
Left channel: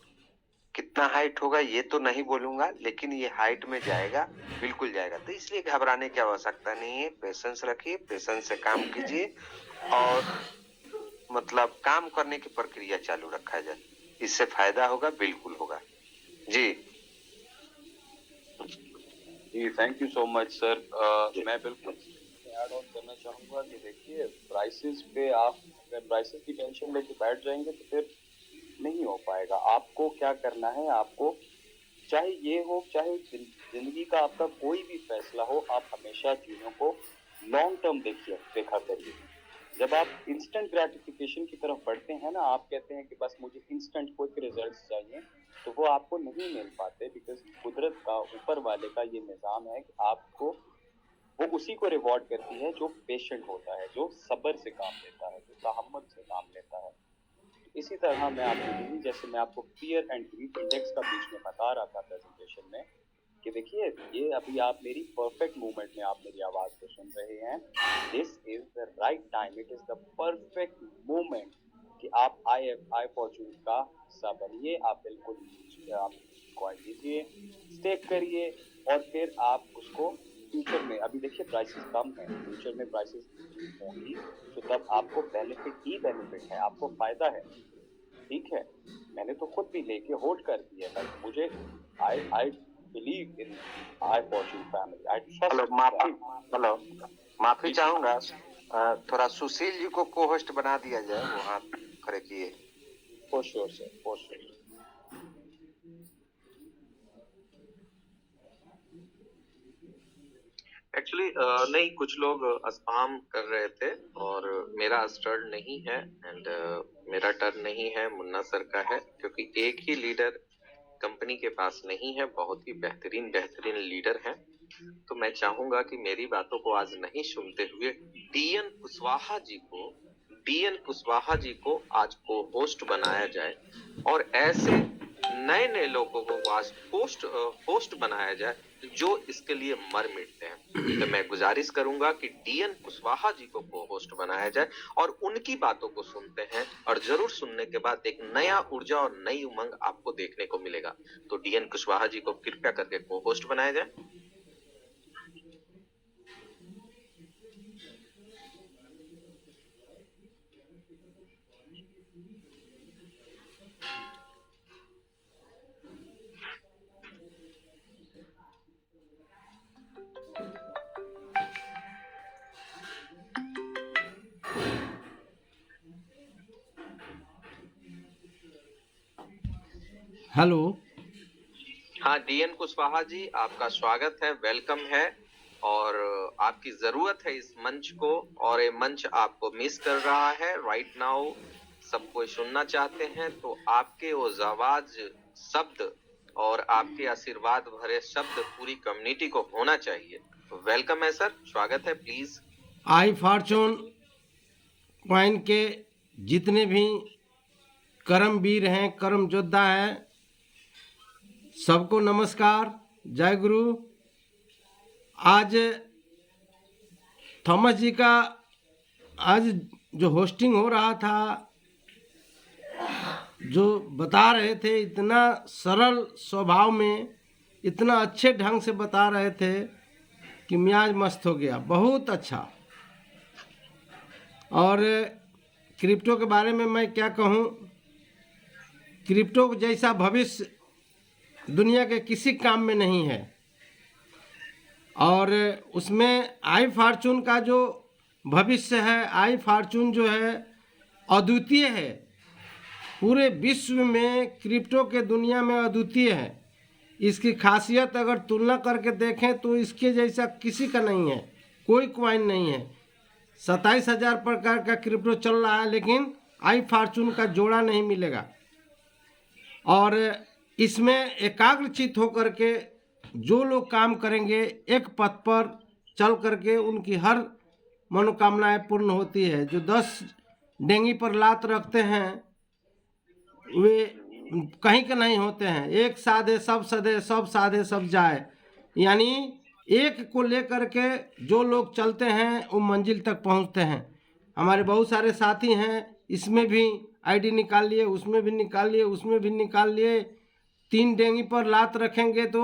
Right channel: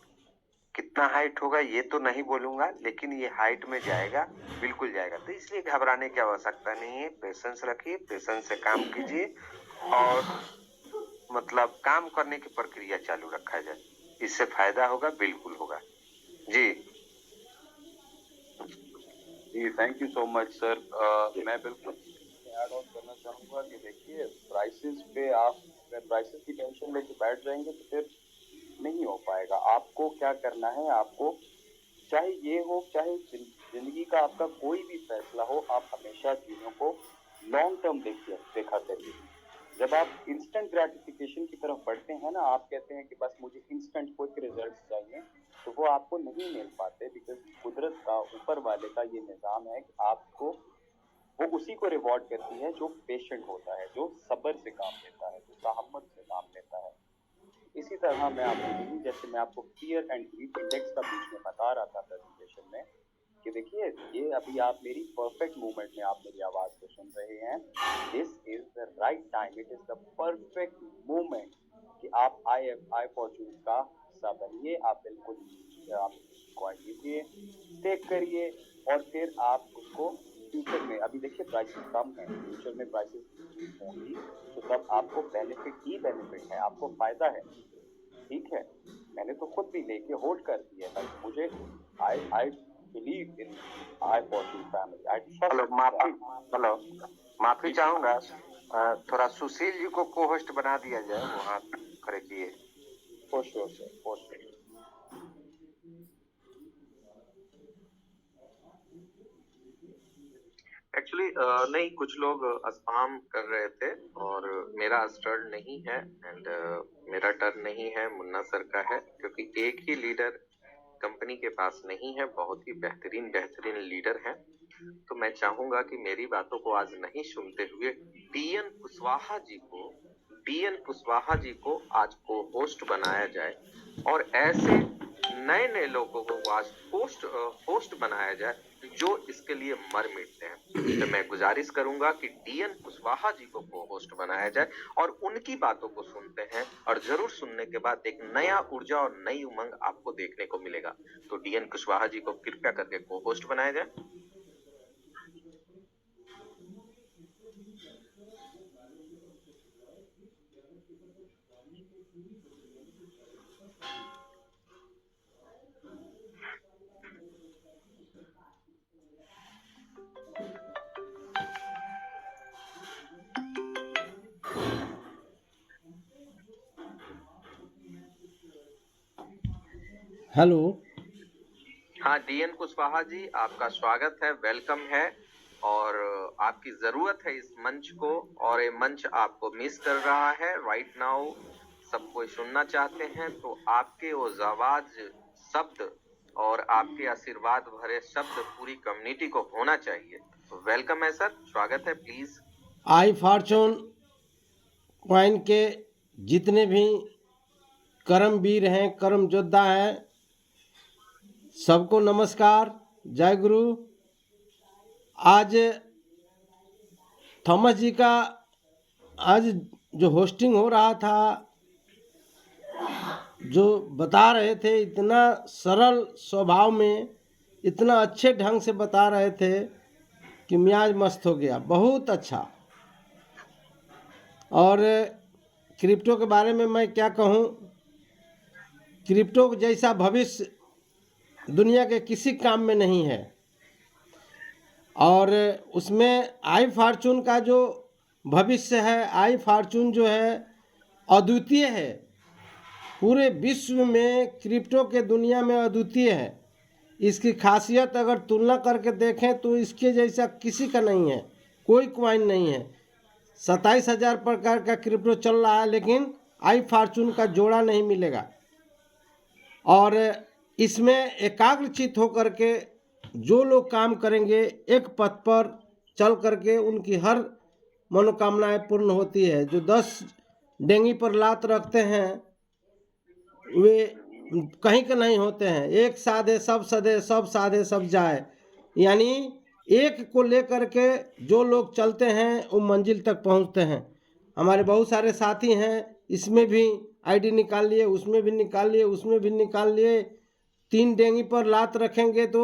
कितना हाइट होगा ये तो नहीं बोलूंगा, लेकिन ये हाइट में जाएगा, बिल्कुल जाएगा। तो इसलिए घबराने की आवश्यकता नहीं है। पेशेंस रखिए, पेशेंस से काम कीजिए और मतलब काम करने की प्रक्रिया चालू रखा जाए। इससे फायदा होगा, बिल्कुल होगा जी। जी thank you so much sir. मैं बिल्कुल ऐड ऑन करना चाहूँगा कि देखिए प्राइसेस पे आप अगर प्राइसेस की टेंशन लेके बैठ जाएंगे तो फिर नहीं हो पाएगा। आपको क्या करना है, आपको चाहे ये हो चाहे जिंदगी का आपका कोई भी फैसला हो, आप हमेशा चीज़ों को लॉन्ग टर्म देखा करिए। जब आप इंस्टेंट ग्रेटिफिकेशन की तरफ बढ़ते हैं ना, आप कहते हैं कि बस मुझे इंस्टेंट क्विक रिजल्ट्स चाहिए, तो वो आपको नहीं मिल पाते। बिकॉज कुदरत का, ऊपर वाले का ये निज़ाम है कि आपको वो उसी को रिवॉर्ड करती है जो पेशेंट होता है, जो सब्र से काम लेता है, जो तहम्मुल से काम लेता है। इसी तरह मैं आपको यही, जैसे मैं आपको फियर एंड ग्रीड इंडेक्स का बीच में बता रहा था प्रेजेंटेशन में, कि देखिए ये अभी आप मेरी परफेक्ट मूवमेंट में आप मेरी आवाज़ को सुन रहे हैं। This is the right time, it is the perfect movement कि आप आई फॉर्चून का हिस्सा बनिए। आप बिल्कुल आप कॉइन लीजिए, स्टेक करिए और फिर आप उसको फ्यूचर में, अभी देखिए प्राइसेस कम है, फ्यूचर में प्राइसेस होंगी तो तब आपको बेनिफिट ही बेनिफिट है, आपको फायदा है। ठीक है, मैंने तो खुद भी लेके होल्ड कर दिया है। मुझे I believe in I Fortune family, I trust. Hello, माफी चाहूंगा, थोड़ा सुशील जी को को होस्ट बना दिया जाए, वो हाथ खड़े किए। For sure sir, for sure. Actually नहीं, कुछ लोग स्पैम कर रहे थे और मेरा टर्न नहीं है एंड मेरा टर्न नहीं है, मुन्ना सर का है, क्योंकि एक ही लीडर कंपनी के पास नहीं है, बहुत ही बेहतरीन लीडर है। तो मैं चाहूंगा कि मेरी बातों को आज नहीं सुनते हुए डीएन कुशवाहा जी को आज को होस्ट बनाया जाए और ऐसे नए लोगों को आज होस्ट बनाया जाए जो इसके लिए मर मिटते हैं। तो मैं गुजारिश करूंगा कि डीएन कुशवाहा जी को होस्ट बनाया जाए और उनकी बातों को सुनते हैं और जरूर सुनने के बाद एक नया ऊर्जा और नई उमंग आपको देखने को मिलेगा। तो डीएन कुशवाहा जी को कृपया करके को होस्ट बनाया जाए। हेलो। हाँ डीएन कुशवाहा जी, आपका स्वागत है, वेलकम है और आपकी जरूरत है इस मंच को, और ये मंच आपको मिस कर रहा है राइट नाउ। सब कोई सुनना चाहते हैं तो आपके वो आवाज, शब्द और आपके आशीर्वाद भरे शब्द पूरी कम्युनिटी को होना चाहिए। तो वेलकम है सर, स्वागत है, प्लीज। आई फॉर्चून कॉइन के जितने भी कर्मवीर हैं, कर्म योद्धा हैं, सबको नमस्कार, जय गुरु। आज थॉमस जी का आज जो होस्टिंग हो रहा था, जो बता रहे थे, इतना सरल स्वभाव में, इतना अच्छे ढंग से बता रहे थे कि मियाज मस्त हो गया, बहुत अच्छा। और क्रिप्टो के बारे में मैं क्या कहूँ, क्रिप्टो जैसा भविष्य दुनिया के किसी काम में नहीं है। और उसमें आई फॉर्चून का जो भविष्य है, आई फॉर्चून जो है अद्वितीय है, पूरे विश्व में क्रिप्टो के दुनिया में अद्वितीय है। इसकी खासियत अगर तुलना करके देखें तो इसके जैसा किसी का नहीं है। कोई क्वाइन नहीं है। 27,000 प्रकार का क्रिप्टो चल रहा है, लेकिन आई फॉर्चून का जोड़ा नहीं मिलेगा। और इसमें एकाग्रचित होकर के जो लोग काम करेंगे, एक पथ पर चल करके उनकी हर मनोकामनाएं पूर्ण होती है। जो 10 डेंगी पर लात रखते हैं वे कहीं के नहीं होते हैं। एक साधे सब सदे, सब साधे सब जाए, यानी एक को लेकर के जो लोग चलते हैं वो मंजिल तक पहुंचते हैं। हमारे बहुत सारे साथी हैं, इसमें भी आईडी निकाल लिए, उसमें भी निकाल लिए, उसमें भी निकाल लिए। 3 डेंगी पर लात रखेंगे तो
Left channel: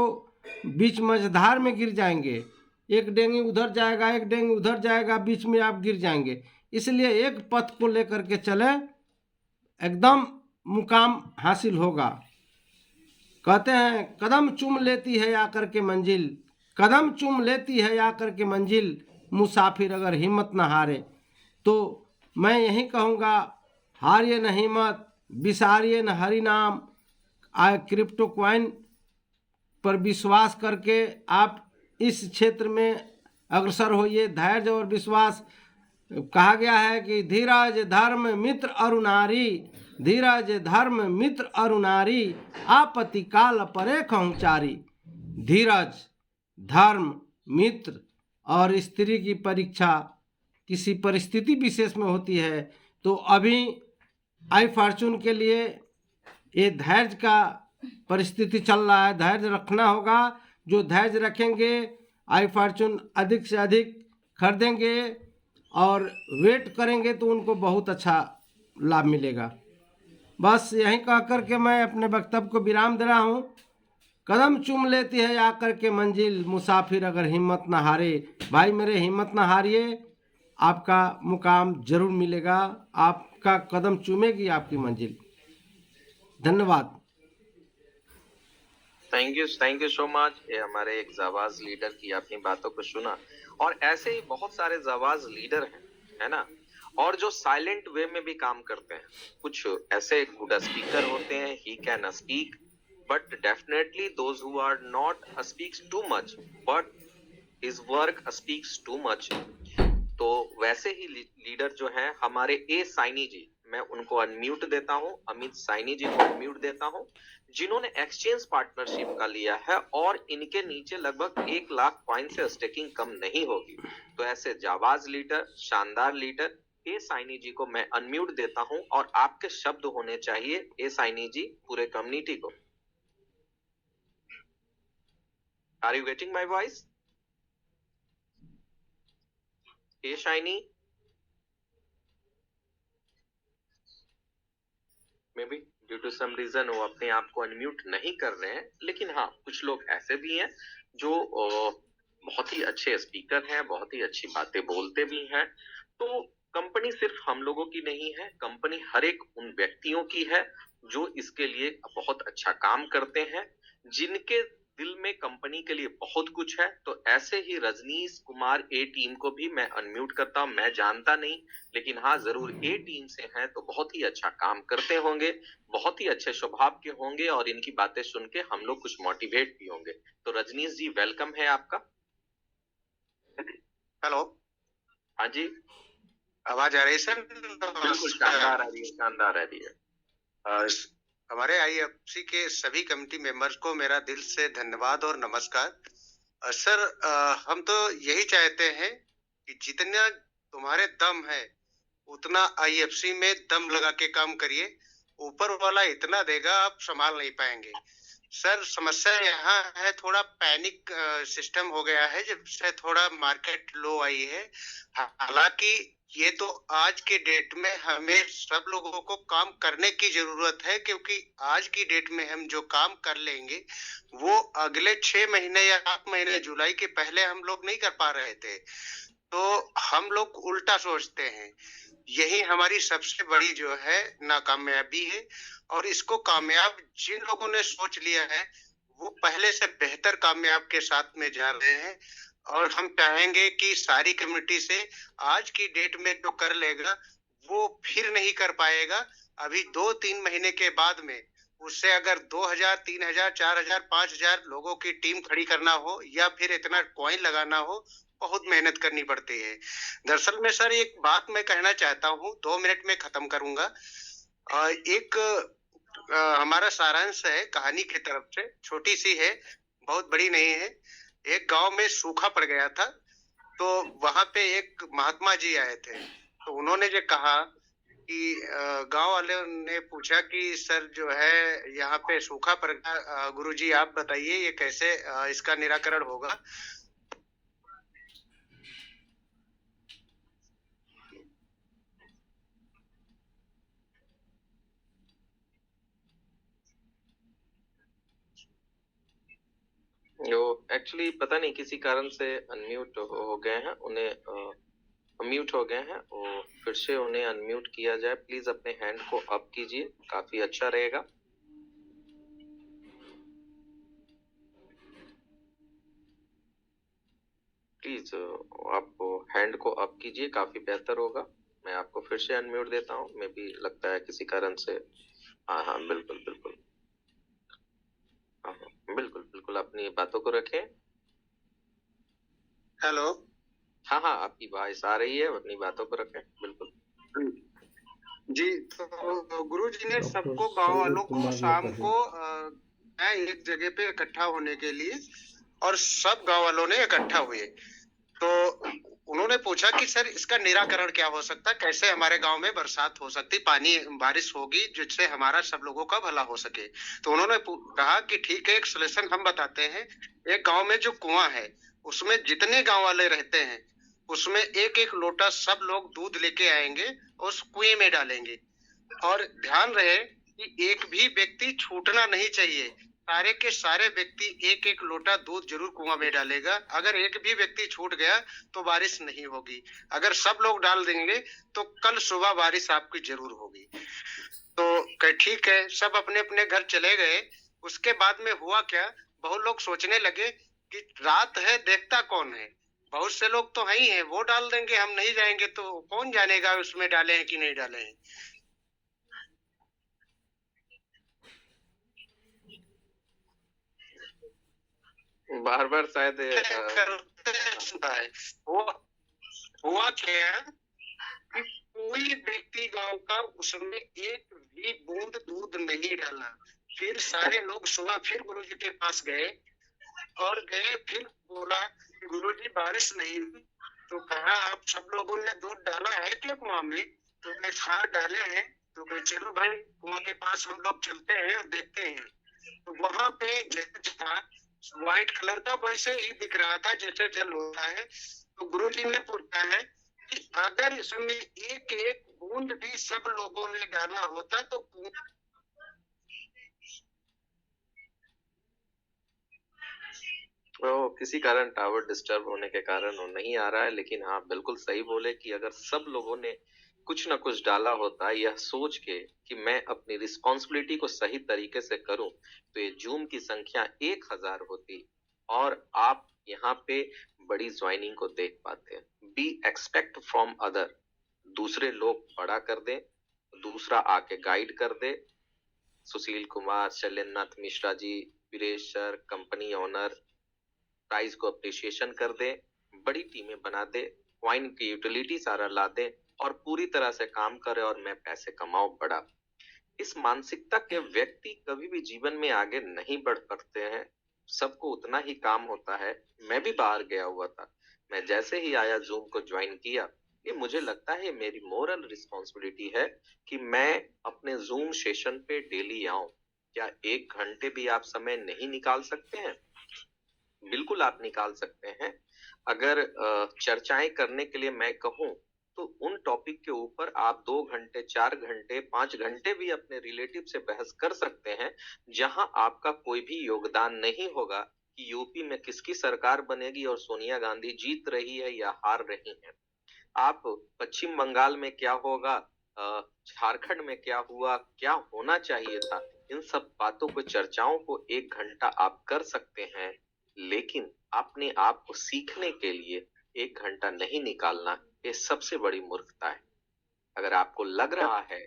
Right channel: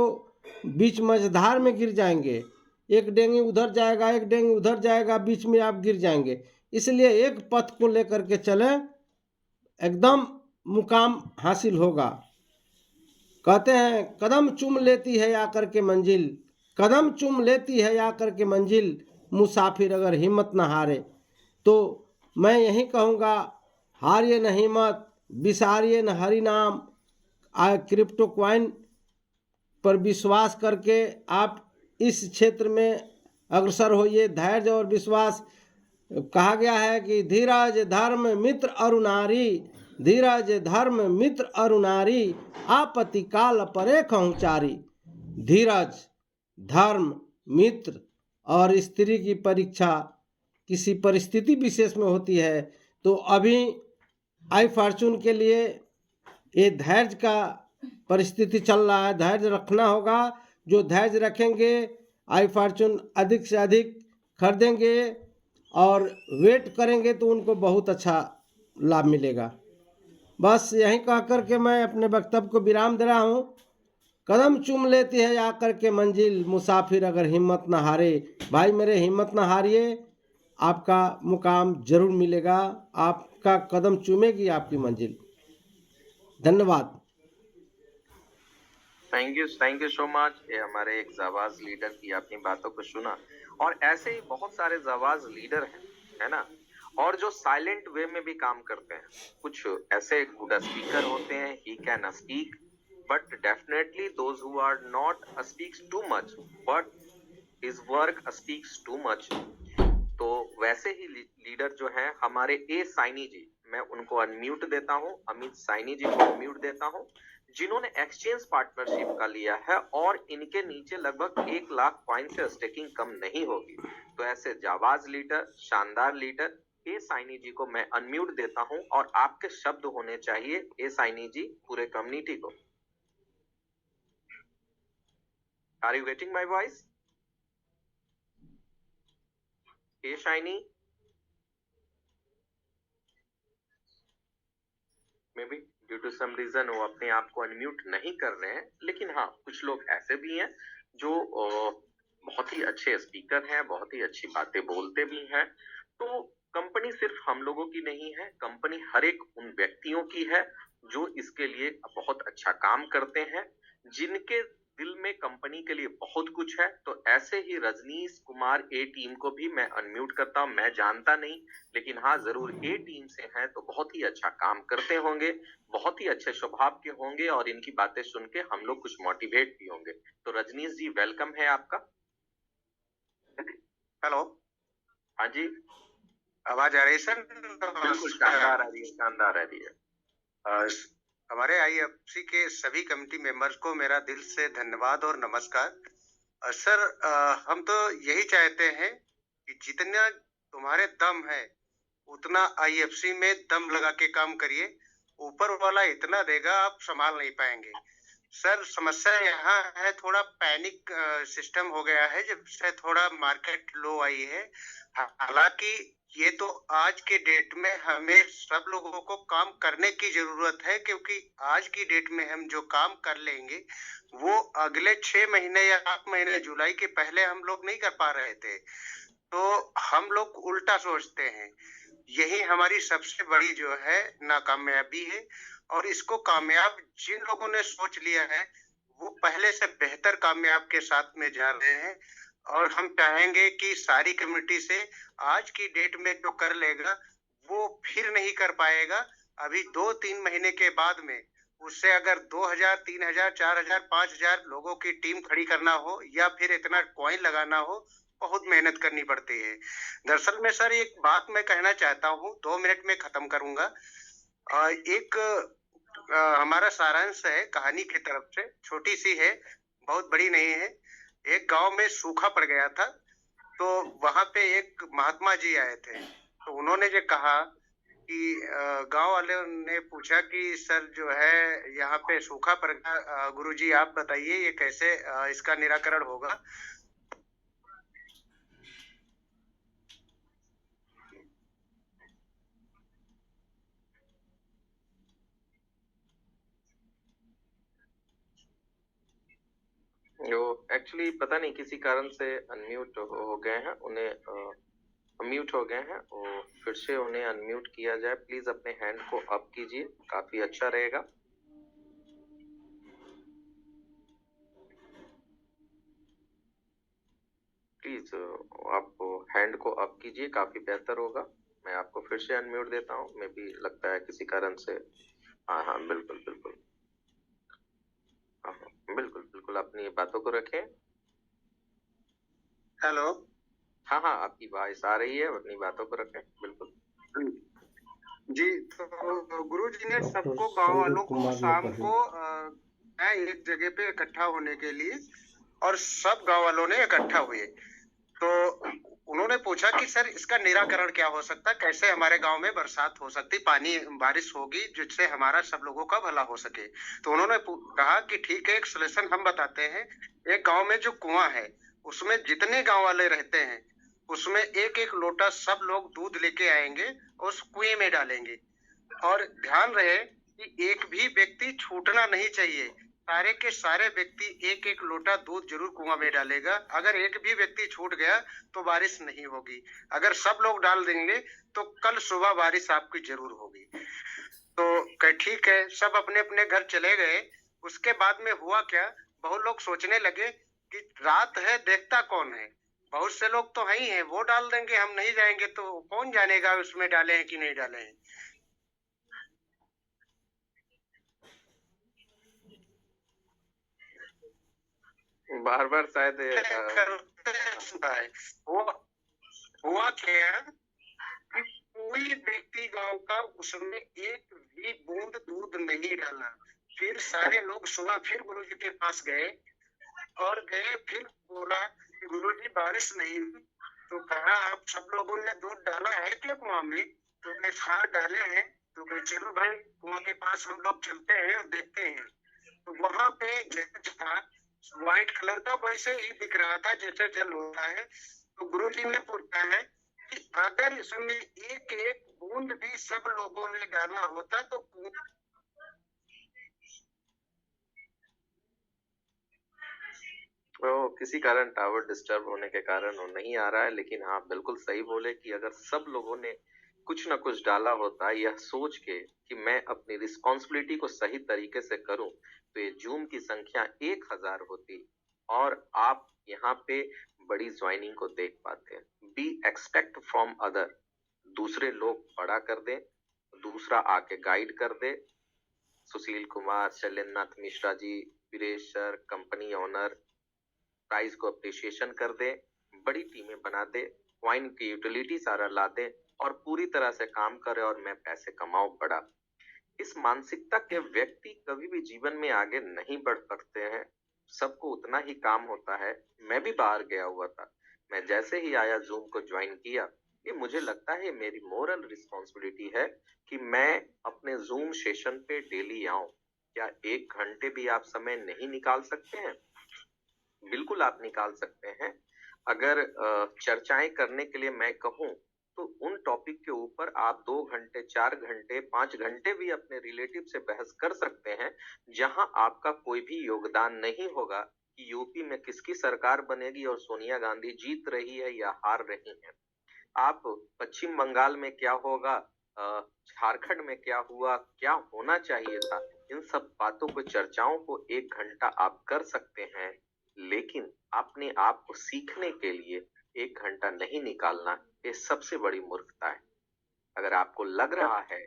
बीच मझधार में गिर जाएंगे। एक डेंगी उधर जाएगा, एक डेंगी उधर जाएगा, बीच में आप गिर जाएंगे। इसलिए एक पथ को लेकर के चले, एकदम मुकाम हासिल होगा। कहते हैं कदम चूम लेती है आकर के मंजिल, कदम चूम लेती है आकर के मंजिल, मुसाफिर अगर हिम्मत न हारे। तो मैं यही कहूँगा, हारिए न हिम्मत, बिसारिए न हरि नाम। क्रिप्टो क्वाइन पर विश्वास करके आप इस क्षेत्र में अग्रसर होइए। धैर्य और विश्वास, कहा गया है कि धीरज धर्म मित्र अरु नारी, धीरज धर्म मित्र अरु नारी, आपत्ति काल परे खहुचारी। धीरज, धर्म, मित्र और स्त्री की परीक्षा किसी परिस्थिति विशेष में होती है। तो अभी आई फॉर्चून के लिए ये धैर्य का परिस्थिति चल रहा है। धैर्य रखना होगा। जो धैर्य रखेंगे आई फॉर्चून अधिक से अधिक खरीदेंगे और वेट करेंगे तो उनको बहुत अच्छा लाभ मिलेगा। बस यहीं कह कर के मैं अपने वक्तव्य को विराम दे रहा हूँ। कदम चूम लेती है आकर के मंजिल, मुसाफिर अगर हिम्मत न हारे। भाई मेरे, हिम्मत न हारिए, आपका मुकाम जरूर मिलेगा। आपका कदम चूमेगी आपकी मंजिल। धन्यवाद। Thank you so much. ये हमारे एक जाबाज लीडर की अपनी बातों को सुना, और ऐसे ही बहुत सारे जाबाज लीडर हैं, है ना, और जो साइलेंट वे में भी काम करते हैं। कुछ ऐसे गुड स्पीकर होते हैं, he can speak, but definitely those who are not speaks too much, but his work speaks too much. तो वैसे ही लीडर जो हैं हमारे ए साइनी जी, मैं उनको अनम्यूट देता हूं, अमित साइनी जी को अनम्यूट देता हूं, जिन्होंने एक्सचेंज पार्टनरशिप का लिया है और इनके नीचे लगभग 1 लाख कॉइन से स्टेकिंग कम नहीं होगी। तो ऐसे जाबाज लीडर, शानदार लीडर ए साइनी जी को मैं अनम्यूट देता हूं, और आपके शब्द होने चाहिए ए साइनी जी पूरे कम्युनिटी को। Are you getting my voice? ए शाइनी, maybe due to some reason वो अपने आप को अनम्यूट नहीं कर रहे हैं। लेकिन हाँ, कुछ लोग ऐसे भी हैं जो बहुत ही अच्छे स्पीकर हैं, बहुत ही अच्छी बातें बोलते भी हैं। तो कंपनी सिर्फ हम लोगों की नहीं है, कंपनी हर एक उन व्यक्तियों की है जो इसके लिए बहुत अच्छा काम करते हैं, जिनके दिल में कंपनी के लिए बहुत कुछ है। तो ऐसे ही रजनीश कुमार ए टीम को भी मैं अनम्यूट करता हूं। मैं जानता नहीं, लेकिन हाँ जरूर ए टीम से हैं तो बहुत ही अच्छा काम करते होंगे, बहुत ही अच्छे स्वभाव के होंगे, और इनकी बातें सुन के हम लोग कुछ मोटिवेट भी होंगे। तो रजनीश जी, वेलकम है आपका। हेलो, हाँ जी, आवाज आ रही है सर? बिल्कुल शानदार आ रही है, शानदार आ रही है। हमारे आईएफसी के सभी कमेटी मेंबर्स को मेरा दिल से धन्यवाद और नमस्कार। सर, हम तो यही चाहते हैं कि जितना तुम्हारे दम है उतना आईएफसी में दम लगा के काम करिए। ऊपर वाला इतना देगा आप संभाल नहीं पाएंगे। सर, समस्या यहाँ है, थोड़ा पैनिक सिस्टम हो गया है जब से थोड़ा मार्केट लो आई है। हालांकि ये तो आज के डेट में हमें सब लोगों को काम करने की जरूरत है, क्योंकि आज की डेट में हम जो काम कर लेंगे वो अगले 6 महीने या 8 महीने जुलाई के पहले हम लोग नहीं कर पा रहे थे। तो हम लोग उल्टा सोचते हैं। यही हमारी सबसे बड़ी जो है नाकामयाबी है, और इसको कामयाब जिन लोगों ने सोच लिया है वो पहले से बेहतर कामयाब के साथ में जा रहे हैं। और हम चाहेंगे कि सारी कम्युनिटी से आज की डेट में जो कर लेगा वो फिर नहीं कर पाएगा। अभी 2-3 महीने के बाद में उससे अगर 2000, 3000, 4000, 5000 लोगों की टीम खड़ी करना हो या फिर इतना कॉइन लगाना हो बहुत मेहनत करनी पड़ती है। दरअसल में सर एक बात मैं कहना चाहता हूँ, 2 मिनट में खत्म करूंगा। एक हमारा सारांश है कहानी की तरफ से, छोटी सी है, बहुत बड़ी नहीं है। एक गांव में सूखा पड़ गया था, तो वहां पे एक महात्मा जी आए थे। तो उन्होंने जो कहा कि गांव वाले ने पूछा कि सर जो है यहाँ पे सूखा पड़ गया, गुरुजी आप बताइए ये कैसे इसका निराकरण होगा। जो एक्चुअली पता नहीं किसी कारण से अनम्यूट हो गए हैं, उन्हें म्यूट हो गए हैं, और फिर से उन्हें अनम्यूट किया जाए। प्लीज अपने हैंड को अप कीजिए, काफी अच्छा रहेगा। प्लीज आप हैंड को अप कीजिए, काफी बेहतर होगा। मैं आपको फिर से अनम्यूट देता हूँ, मे भी लगता है किसी कारण से। हाँ हाँ, बिल्कुल बिल्कुल, हाँ हाँ बिल्कुल बिल्कुल, अपनी बातों को रखें। हेलो। हाँ हाँ, आपकी वॉइस आ रही है, अपनी बातों को रखें, बिल्कुल। जी, तो गुरुजी ने डॉक्टर सबको गांव वालों संजीव को कुमार शाम लोकही। को एक जगह पे इकट्ठा होने के लिए, और सब गांव वालों ने इकट्ठा हुए। तो उन्होंने पूछा कि सर इसका निराकरण क्या हो सकता है, कैसे हमारे गांव में बरसात हो सकती, पानी बारिश होगी जिससे हमारा सब लोगों का भला हो सके। तो उन्होंने कहा कि ठीक है, एक सलूशन हम बताते हैं। एक गांव में जो कुआं है, उसमें जितने गांव वाले रहते हैं, उसमें एक एक लोटा सब लोग दूध लेके आएंगे, उस कुएं में डालेंगे। और ध्यान रहे कि एक भी व्यक्ति छूटना नहीं चाहिए। सारे के सारे व्यक्ति एक एक लोटा दूध जरूर कुआं में डालेगा। अगर एक भी व्यक्ति छूट गया तो बारिश नहीं होगी। अगर सब लोग डाल देंगे तो कल सुबह बारिश आपकी जरूर होगी। तो ठीक है, सब अपने अपने घर चले गए। उसके बाद में हुआ क्या, बहुत लोग सोचने लगे कि रात है, देखता कौन है, बहुत से लोग तो है ही हैं, वो डाल देंगे, हम नहीं जाएंगे तो कौन जानेगा उसमें डाले हैं कि नहीं डाले हैं। बार बार शायद वो हुआ क्या कि कोई व्यक्ति गांव का उसमें एक भी बूंद दूध नहीं डाला। फिर सारे लोग सुबह फिर गुरुजी के पास गए, और गए फिर बोला कि गुरुजी बारिश नहीं हुई। तो कहा आप सब लोगों ने दूध डाला है क्या कुआं में? तो मैं हाँ डाले हैं। तो मैं चलो भाई कुआं के पास हम लोग चलते हैं और देखते हैं। तो वहां पे जैसे था व्हाइट कलर का, वैसे ही दिख रहा था जैसे जल होता है। तो गुरुजी ने पूछा है कि अगर इसमें एक एक बूंद भी सब लोगों ने डाला होता तो वो किसी कारण टावर डिस्टर्ब होने के कारण वो नहीं आ रहा है। लेकिन हाँ, बिल्कुल सही बोले कि अगर सब लोगों ने कुछ ना कुछ डाला होता, यह सोच के कि मैं अपनी रिस्पॉन्सिबिलिटी को सही तरीके से करूं, तो ये जूम की संख्या 1000 होती और आप यहाँ पे बड़ी ज्वाइनिंग को देख पाते हैं। बी एक्सपेक्ट फ्रॉम अदर, दूसरे लोग बड़ा कर दे, दूसरा आके गाइड कर दे। Sushil Kumar, Shailendranath Mishra ji, Viresh sir, company owner, price को अप्रिशिएशन कर दे, बड़ी टीमें बना दे, वाइन की यूटिलिटी सारा ला दे और पूरी तरह से काम करे और मैं पैसे कमाऊं बड़ा। इस मानसिकता के व्यक्ति कभी भी जीवन में आगे नहीं बढ़ सकते हैं। सबको उतना ही काम होता है। मैं भी बाहर गया हुआ था, मैं जैसे ही आया जूम को ज्वाइन किया, ये मुझे लगता है मेरी मोरल रिस्पॉन्सिबिलिटी है कि मैं अपने जूम सेशन पे डेली आऊं। क्या 1 घंटे भी आप समय नहीं निकाल सकते हैं? बिल्कुल आप निकाल सकते हैं। अगर चर्चाएं करने के लिए मैं कहूं तो उन टॉपिक के ऊपर आप 2 घंटे, 4 घंटे, 5 घंटे भी अपने रिलेटिव से बहस कर सकते हैं, जहां आपका कोई भी योगदान नहीं होगा कि यूपी में किसकी सरकार बनेगी और सोनिया गांधी जीत रही है या हार रही है। आप पश्चिम बंगाल में क्या होगा, झारखंड में क्या हुआ, क्या होना चाहिए था, इन सब बातों को, चर्चाओं को 1 घंटा आप कर सकते हैं। लेकिन अपने आप को सीखने के लिए 1 घंटा नहीं निकालना, ये सबसे बड़ी मूर्खता है। अगर आपको लग रहा है,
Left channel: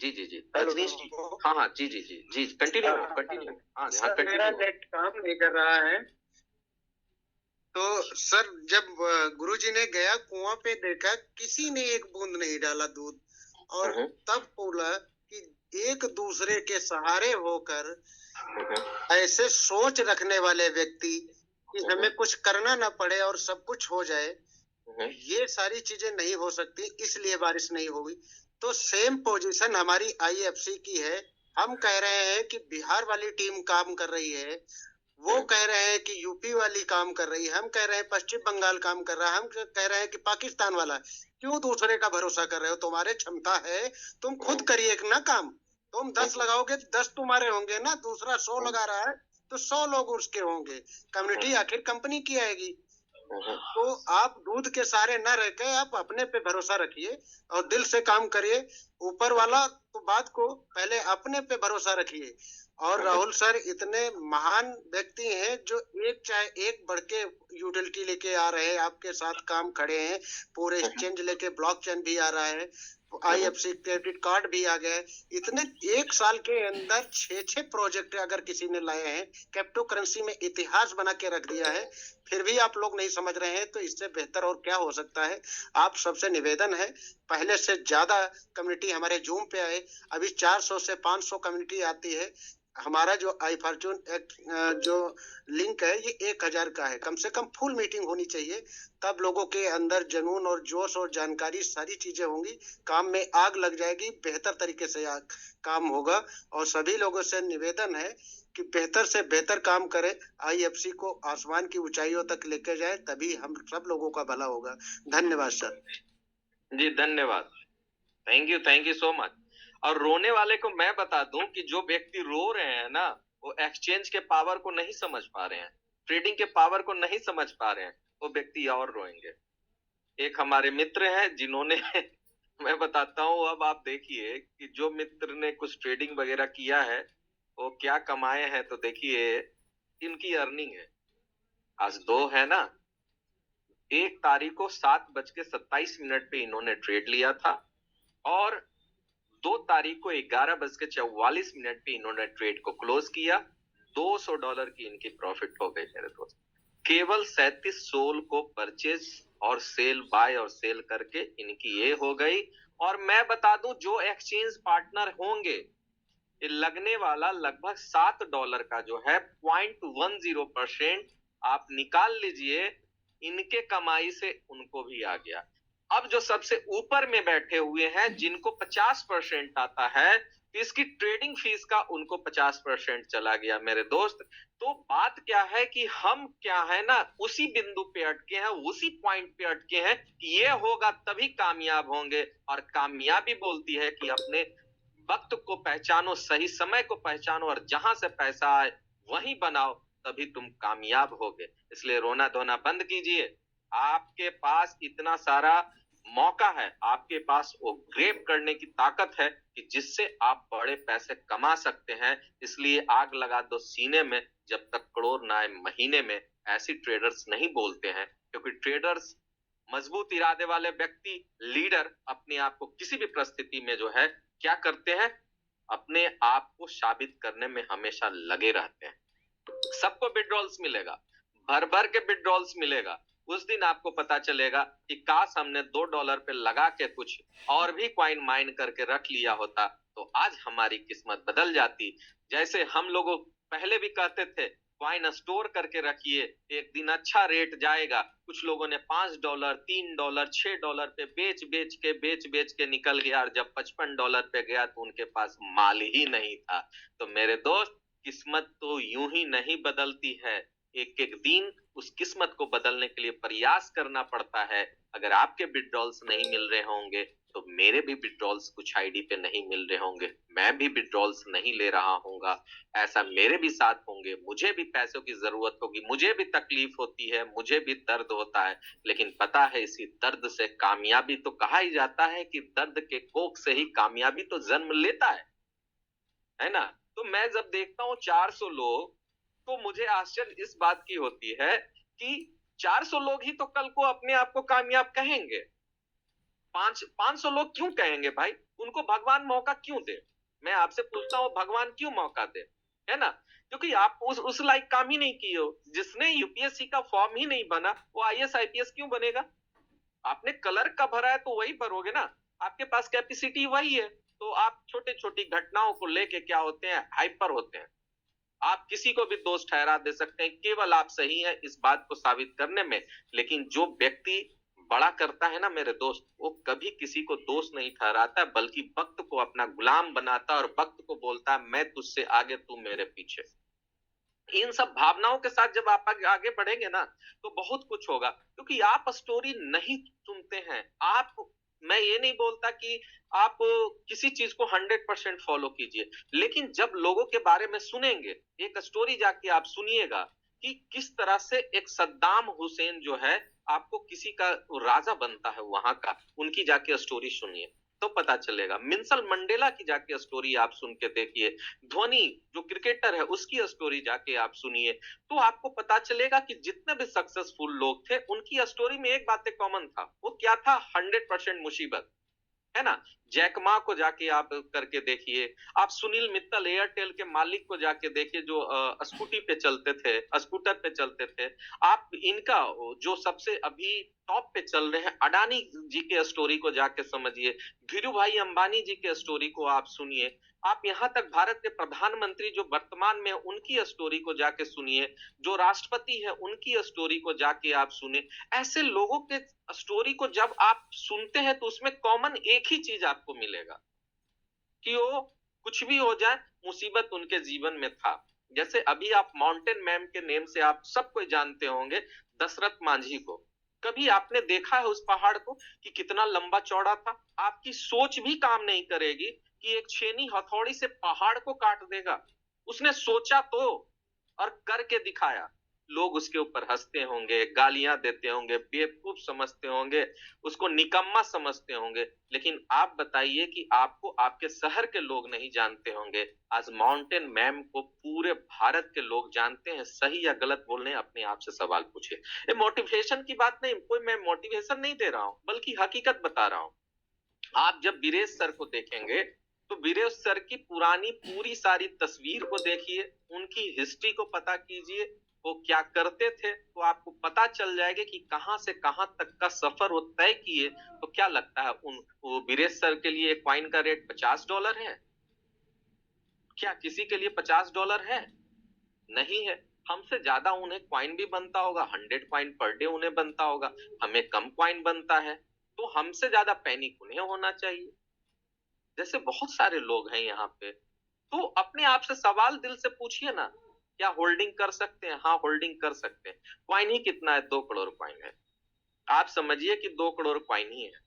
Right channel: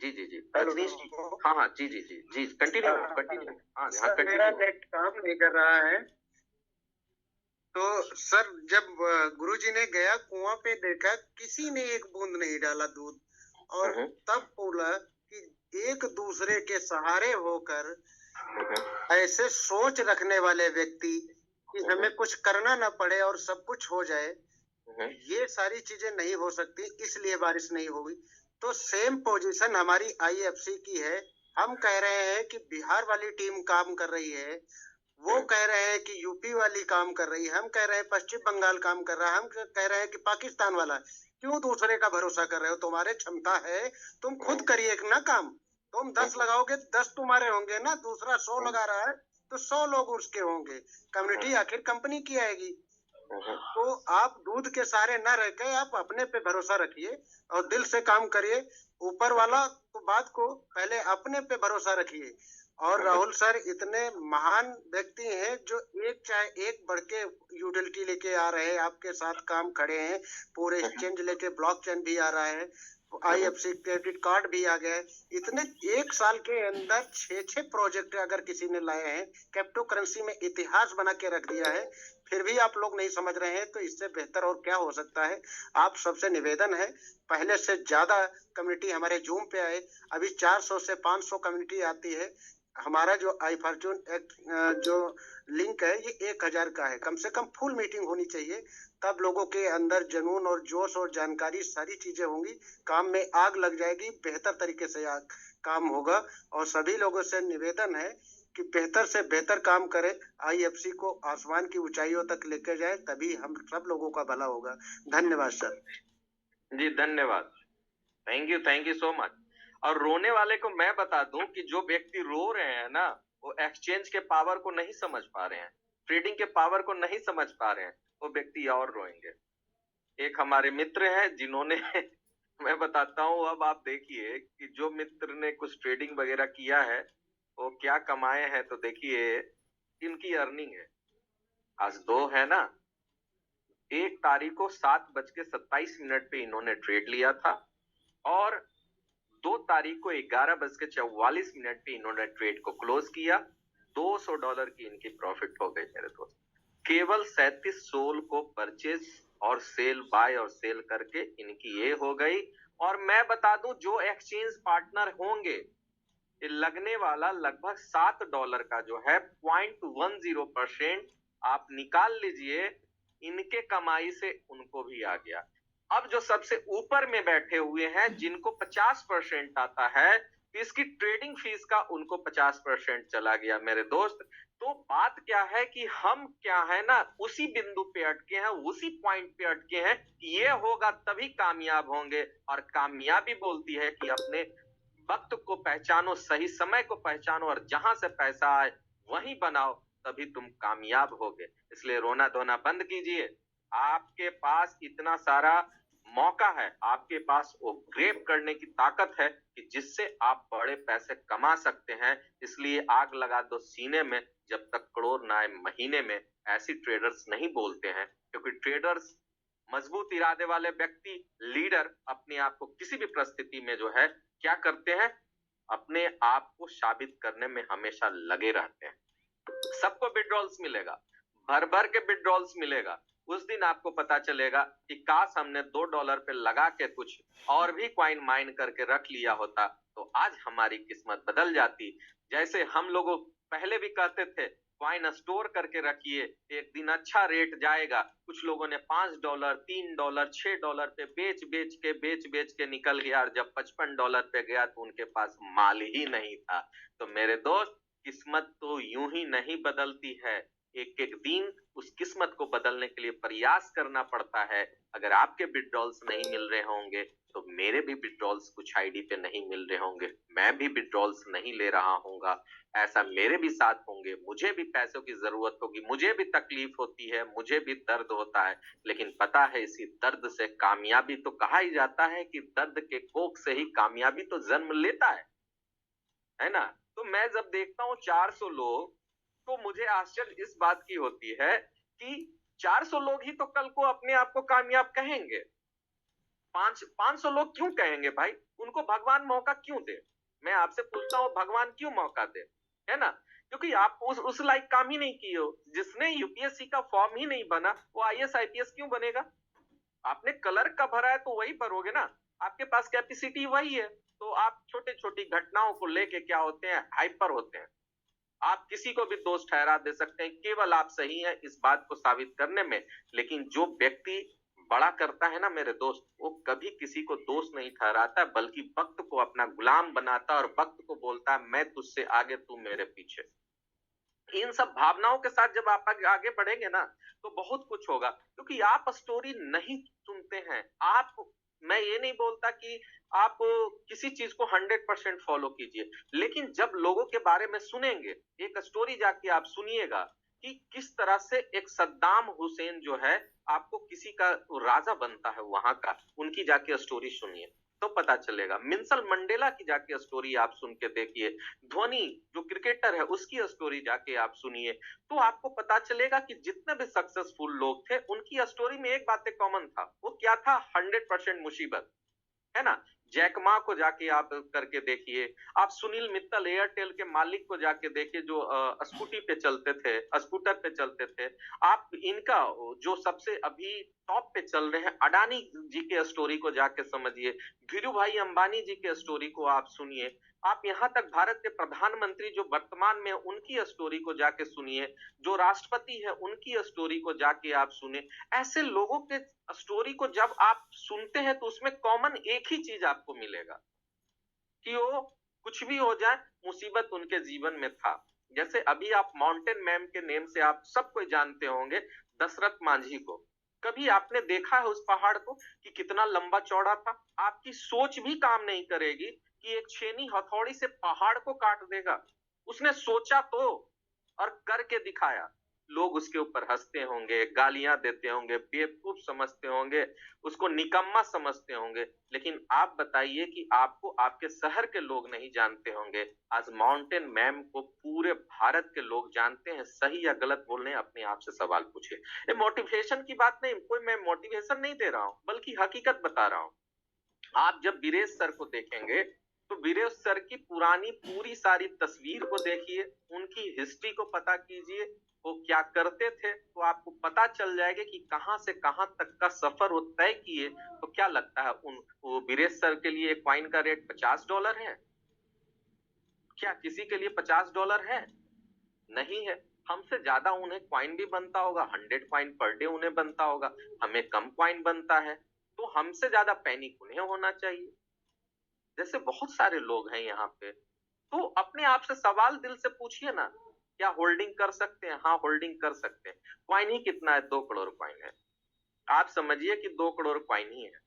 जी जी जी रजनीश जी, हाँ हाँ जी जी जी जी, कंटिन्यू कंटिन्यू, हाँ हाँ मेरा कंटिन्यू। नेट काम नहीं कर रहा है। तो सर जब गुरुजी ने गया कुआं पे देखा किसी ने एक बूंद नहीं डाला दूध, और तब बोला कि एक दूसरे के सहारे होकर ऐसे सोच रखने वाले व्यक्ति कि हमें कुछ करना ना पड़े और सब कुछ हो जाए, ये सारी चीजें नहीं हो सकती, इसलिए बारिश नहीं होगी। तो सेम पोजीशन हमारी आईएफसी की है। हम कह रहे हैं कि बिहार वाली टीम काम कर रही है, वो कह रहे हैं कि यूपी वाली काम कर रही है, हम कह रहे हैं पश्चिम बंगाल काम कर रहा है, हम कह रहे हैं कि पाकिस्तान वाला। क्यों दूसरे का भरोसा कर रहे हो? तुम्हारे क्षमता है, तुम खुद करिए ना काम। तुम 10 लगाओगे 10 तुम्हारे होंगे ना, दूसरा 100 लगा रहा है तो 100 लोग उसके होंगे। कम्युनिटी आखिर कंपनी की आएगी। तो आप दूध के सहारे न रह के आप अपने पे भरोसा रखिए और दिल से काम करिए। ऊपर वाला तो बात को पहले अपने पे भरोसा रखिए। और राहुल सर इतने महान व्यक्ति हैं जो एक चाहे एक बढ़ के यूटिलिटी लेके आ रहे हैं, आपके साथ काम खड़े हैं, पूरे एक्सचेंज लेके ब्लॉकचेन भी आ रहा है, आईएफसी क्रेडिट कार्ड भी आ गए। इतने एक साल के अंदर 6 प्रोजेक्ट अगर किसी ने लाए हैं, क्रिप्टो करेंसी में इतिहास बना के रख दिया है, फिर भी आप लोग नहीं समझ रहे हैं, तो इससे बेहतर और क्या हो सकता है। आप सबसे निवेदन है पहले से ज्यादा कम्युनिटी हमारे जूम पे आए। अभी 400 से 500 कम्युनिटी आती है। हमारा जो आई फॉर्चून जो लिंक है ये 1000 का है। कम से कम फुल मीटिंग होनी चाहिए, तब लोगों के अंदर जुनून और जोश और जानकारी सारी चीजें होंगी, काम में आग लग जाएगी, बेहतर तरीके से काम होगा। और सभी लोगों से निवेदन है कि बेहतर से बेहतर काम करें, आईएफसी को आसमान की ऊंचाइयों तक लेकर जाए, तभी हम सब लोगों का भला होगा। धन्यवाद सर। जी धन्यवाद, थैंक यू सो मच। और रोने वाले को मैं बता दूं कि जो व्यक्ति रो रहे हैं ना, वो एक्सचेंज के पावर को नहीं समझ पा रहे हैं, ट्रेडिंग के पावर को नहीं समझ पा रहे हैं, वो व्यक्ति और रोएंगे। एक हमारे मित्र हैं जिन्होंने मैं बताता हूँ, अब आप देखिए कि जो मित्र ने कुछ ट्रेडिंग वगैरह किया है वो क्या कमाए हैं, तो देखिए इनकी अर्निंग है। आज 2 है ना, 1 तारीख को 7:27 पे इन्होंने ट्रेड लिया था और 2 तारीख को 11:44 पे इन्होंने ट्रेड को क्लोज किया। $200 की इनकी प्रॉफिट हो गई मेरे दोस्त। केवल 37 सोल को परचेज और सेल, बाय और सेल करके इनकी ये हो गई। और मैं बता दूं जो एक्सचेंज पार्टनर होंगे, ये लगने वाला लगभग $7 का जो है 0.10% आप निकाल लीजिए, इनके कमाई से उनको भी आ गया। अब जो सबसे ऊपर में बैठे हुए हैं जिनको 50% आता है, इसकी ट्रेडिंग फीस का उनको 50% चला गया मेरे दोस्त। तो बात क्या है कि हम क्या है ना उसी बिंदु पे अटके हैं, उसी पॉइंट पे अटके हैं कि ये होगा तभी कामयाब होंगे। और कामयाबी बोलती है कि अपने वक्त को पहचानो, सही समय को पहचानो और जहां से पैसा आए वहीं बनाओ, तभी तुम कामयाब होगे। इसलिए रोना धोना बंद कीजिए। आपके पास इतना सारा मौका है, आपके पास वो ग्रेप करने की ताकत है कि जिससे आप बड़े पैसे कमा सकते हैं। इसलिए आग लगा दो सीने में, जब तक करोड़ ना आए महीने में। ऐसी ट्रेडर्स नहीं बोलते हैं, क्योंकि ट्रेडर्स मजबूत इरादे वाले व्यक्ति, लीडर अपने आप को किसी भी परिस्थिति में जो है क्या करते हैं, अपने आप को साबित करने में हमेशा लगे रहते हैं। सबको विड्रॉल्स मिलेगा, भर भर के विड्रॉल्स मिलेगा। उस दिन आपको पता चलेगा कि काश हमने $2 पे लगा के कुछ और भी कॉइन माइन करके रख लिया होता, तो आज हमारी किस्मत बदल जाती। जैसे हम लोग पहले भी कहते थे कॉइन स्टोर करके रखिए, एक दिन अच्छा रेट जाएगा। कुछ लोगों ने $5, $3, $6 पे बेच के निकल गया, और जब $55 पे गया तो उनके पास माल ही नहीं था। तो मेरे दोस्त, किस्मत तो यूं ही नहीं बदलती है, एक एक दिन उस किस्मत को बदलने के लिए प्रयास करना पड़ता है। अगर आपके विड्रॉल्स नहीं मिल रहे होंगे तो मेरे भी विड्रॉल्स कुछ आईडी पे नहीं मिल रहे होंगे, मैं भी विड्रॉल्स नहीं ले रहा हूँगा। ऐसा मेरे भी साथ होंगे, मुझे भी पैसों की जरूरत होगी, मुझे भी तकलीफ होती है, मुझे भी दर्द होता है। लेकिन पता है इसी दर्द से कामयाबी, तो कहा ही जाता है कि दर्द के कोख से ही कामयाबी तो जन्म लेता है ना। तो मैं जब देखता हूँ 400 लोग, तो मुझे आश्चर्य इस बात की होती है कि 400 लोग ही तो कल को अपने आप को कामयाब कहेंगे। 500 लोग क्यों कहेंगे भाई? उनको भगवान मौका क्यों दे? मैं आपसे पूछता हूँ, भगवान क्यों मौका दे, है ना। क्योंकि आप उस लायक काम ही नहीं किए हो। जिसने यूपीएससी का फॉर्म ही नहीं बना वो आईएएस आईपीएस क्यों बनेगा? आपने क्लर्क का भरा है तो वही भरोगे ना, आपके पास कैपेसिटी वही है। तो आप छोटी छोटी घटनाओं को लेके क्या होते हैं, हाइपर होते हैं। आप किसी को भी दोष ठहरा दे सकते हैं, केवल आप सही हैं इस बात को साबित करने में। लेकिन जो व्यक्ति बड़ा करता है ना मेरे दोस्त, वो कभी किसी को दोष नहीं ठहराता, बल्कि वक्त को अपना गुलाम बनाता है और वक्त को बोलता है मैं तुझसे आगे, तू मेरे पीछे। इन सब भावनाओं के साथ जब आप आगे बढ़ेंगे ना तो बहुत कुछ होगा, क्योंकि आप स्टोरी नहीं सुनते हैं। आप, मैं ये नहीं बोलता कि आप किसी चीज को 100% फॉलो कीजिए, लेकिन जब लोगों के बारे में सुनेंगे, एक स्टोरी जाके आप सुनिएगा कि किस तरह से एक सद्दाम हुसैन जो है आपको किसी का राजा बनता है वहां का, उनकी जाके स्टोरी सुनिए तो पता चलेगा। मिंसल मंडेला की जाके स्टोरी आप सुन के देखिए, धोनी जो क्रिकेटर है उसकी स्टोरी जाके आप सुनिए, तो आपको पता चलेगा कि जितने भी सक्सेसफुल लोग थे उनकी स्टोरी में एक बात कॉमन था। वो क्या था? 100% मुसीबत, है ना। जैक मा को जाके आप करके देखिए, आप सुनील मित्तल एयरटेल के मालिक को जाके देखिए जो स्कूटी पे चलते थे, स्कूटर पे चलते थे। आप इनका जो सबसे अभी टॉप पे चल रहे हैं अडानी जी के स्टोरी को जाके समझिए, धीरू भाई अंबानी जी के स्टोरी को आप सुनिए, आप यहाँ तक भारत के प्रधानमंत्री जो वर्तमान में उनकी स्टोरी को जाके सुनिए, जो राष्ट्रपति है उनकी स्टोरी को जाके आप सुने। ऐसे लोगों के स्टोरी को जब आप सुनते हैं तो उसमें कॉमन एक ही चीज आपको मिलेगा कि वो कुछ भी हो जाए मुसीबत उनके जीवन में था। जैसे अभी आप माउंटेन मैन के नेम से आप सब कोई जानते होंगे, दशरथ मांझी को। कभी आपने देखा है उस पहाड़ को कि कितना लंबा चौड़ा था? आपकी सोच भी काम नहीं करेगी कि एक छेनी हथौड़ी से पहाड़ को काट देगा। उसने सोचा तो और करके दिखाया। लोग उसके ऊपर हंसते होंगे, गालियां देते होंगे, बेवकूफ समझते होंगे, उसको निकम्मा समझते होंगे, लेकिन आप बताइए कि आपको आपके शहर के लोग नहीं जानते होंगे। आज माउंटेन मैम को पूरे भारत के लोग जानते हैं। सही या गलत बोलने अपने आप से सवाल पूछिए। ये मोटिवेशन की बात नहीं, कोई मैं मोटिवेशन नहीं दे रहा हूं, बल्कि हकीकत बता रहा हूं। आप जब वीरेश सर को देखेंगे तो वीरेश सर की पुरानी पूरी सारी तस्वीर को देखिए, उनकी हिस्ट्री को पता कीजिए, वो क्या करते थे, तो आपको पता चल जाएगा कि कहां से कहां तक का सफर वो तय किए। तो क्या लगता है वो वीरेश सर के लिए कॉइन का रेट $50 है? क्या किसी के लिए $50 है? नहीं है। हमसे ज्यादा उन्हें कॉइन भी बनता होगा, 100 कॉइन पर डे उन्हें बनता होगा, हमें कम कॉइन बनता है, तो हमसे ज्यादा पैनिक उन्हें होना चाहिए। जैसे बहुत सारे लोग हैं यहाँ पे, तो अपने आप से सवाल दिल से पूछिए ना, क्या होल्डिंग कर सकते हैं? हाँ, होल्डिंग कर सकते हैं। कॉइन ही कितना है? 2 करोड़ कॉइन है। आप समझिए कि 2 करोड़ कॉइन ही है।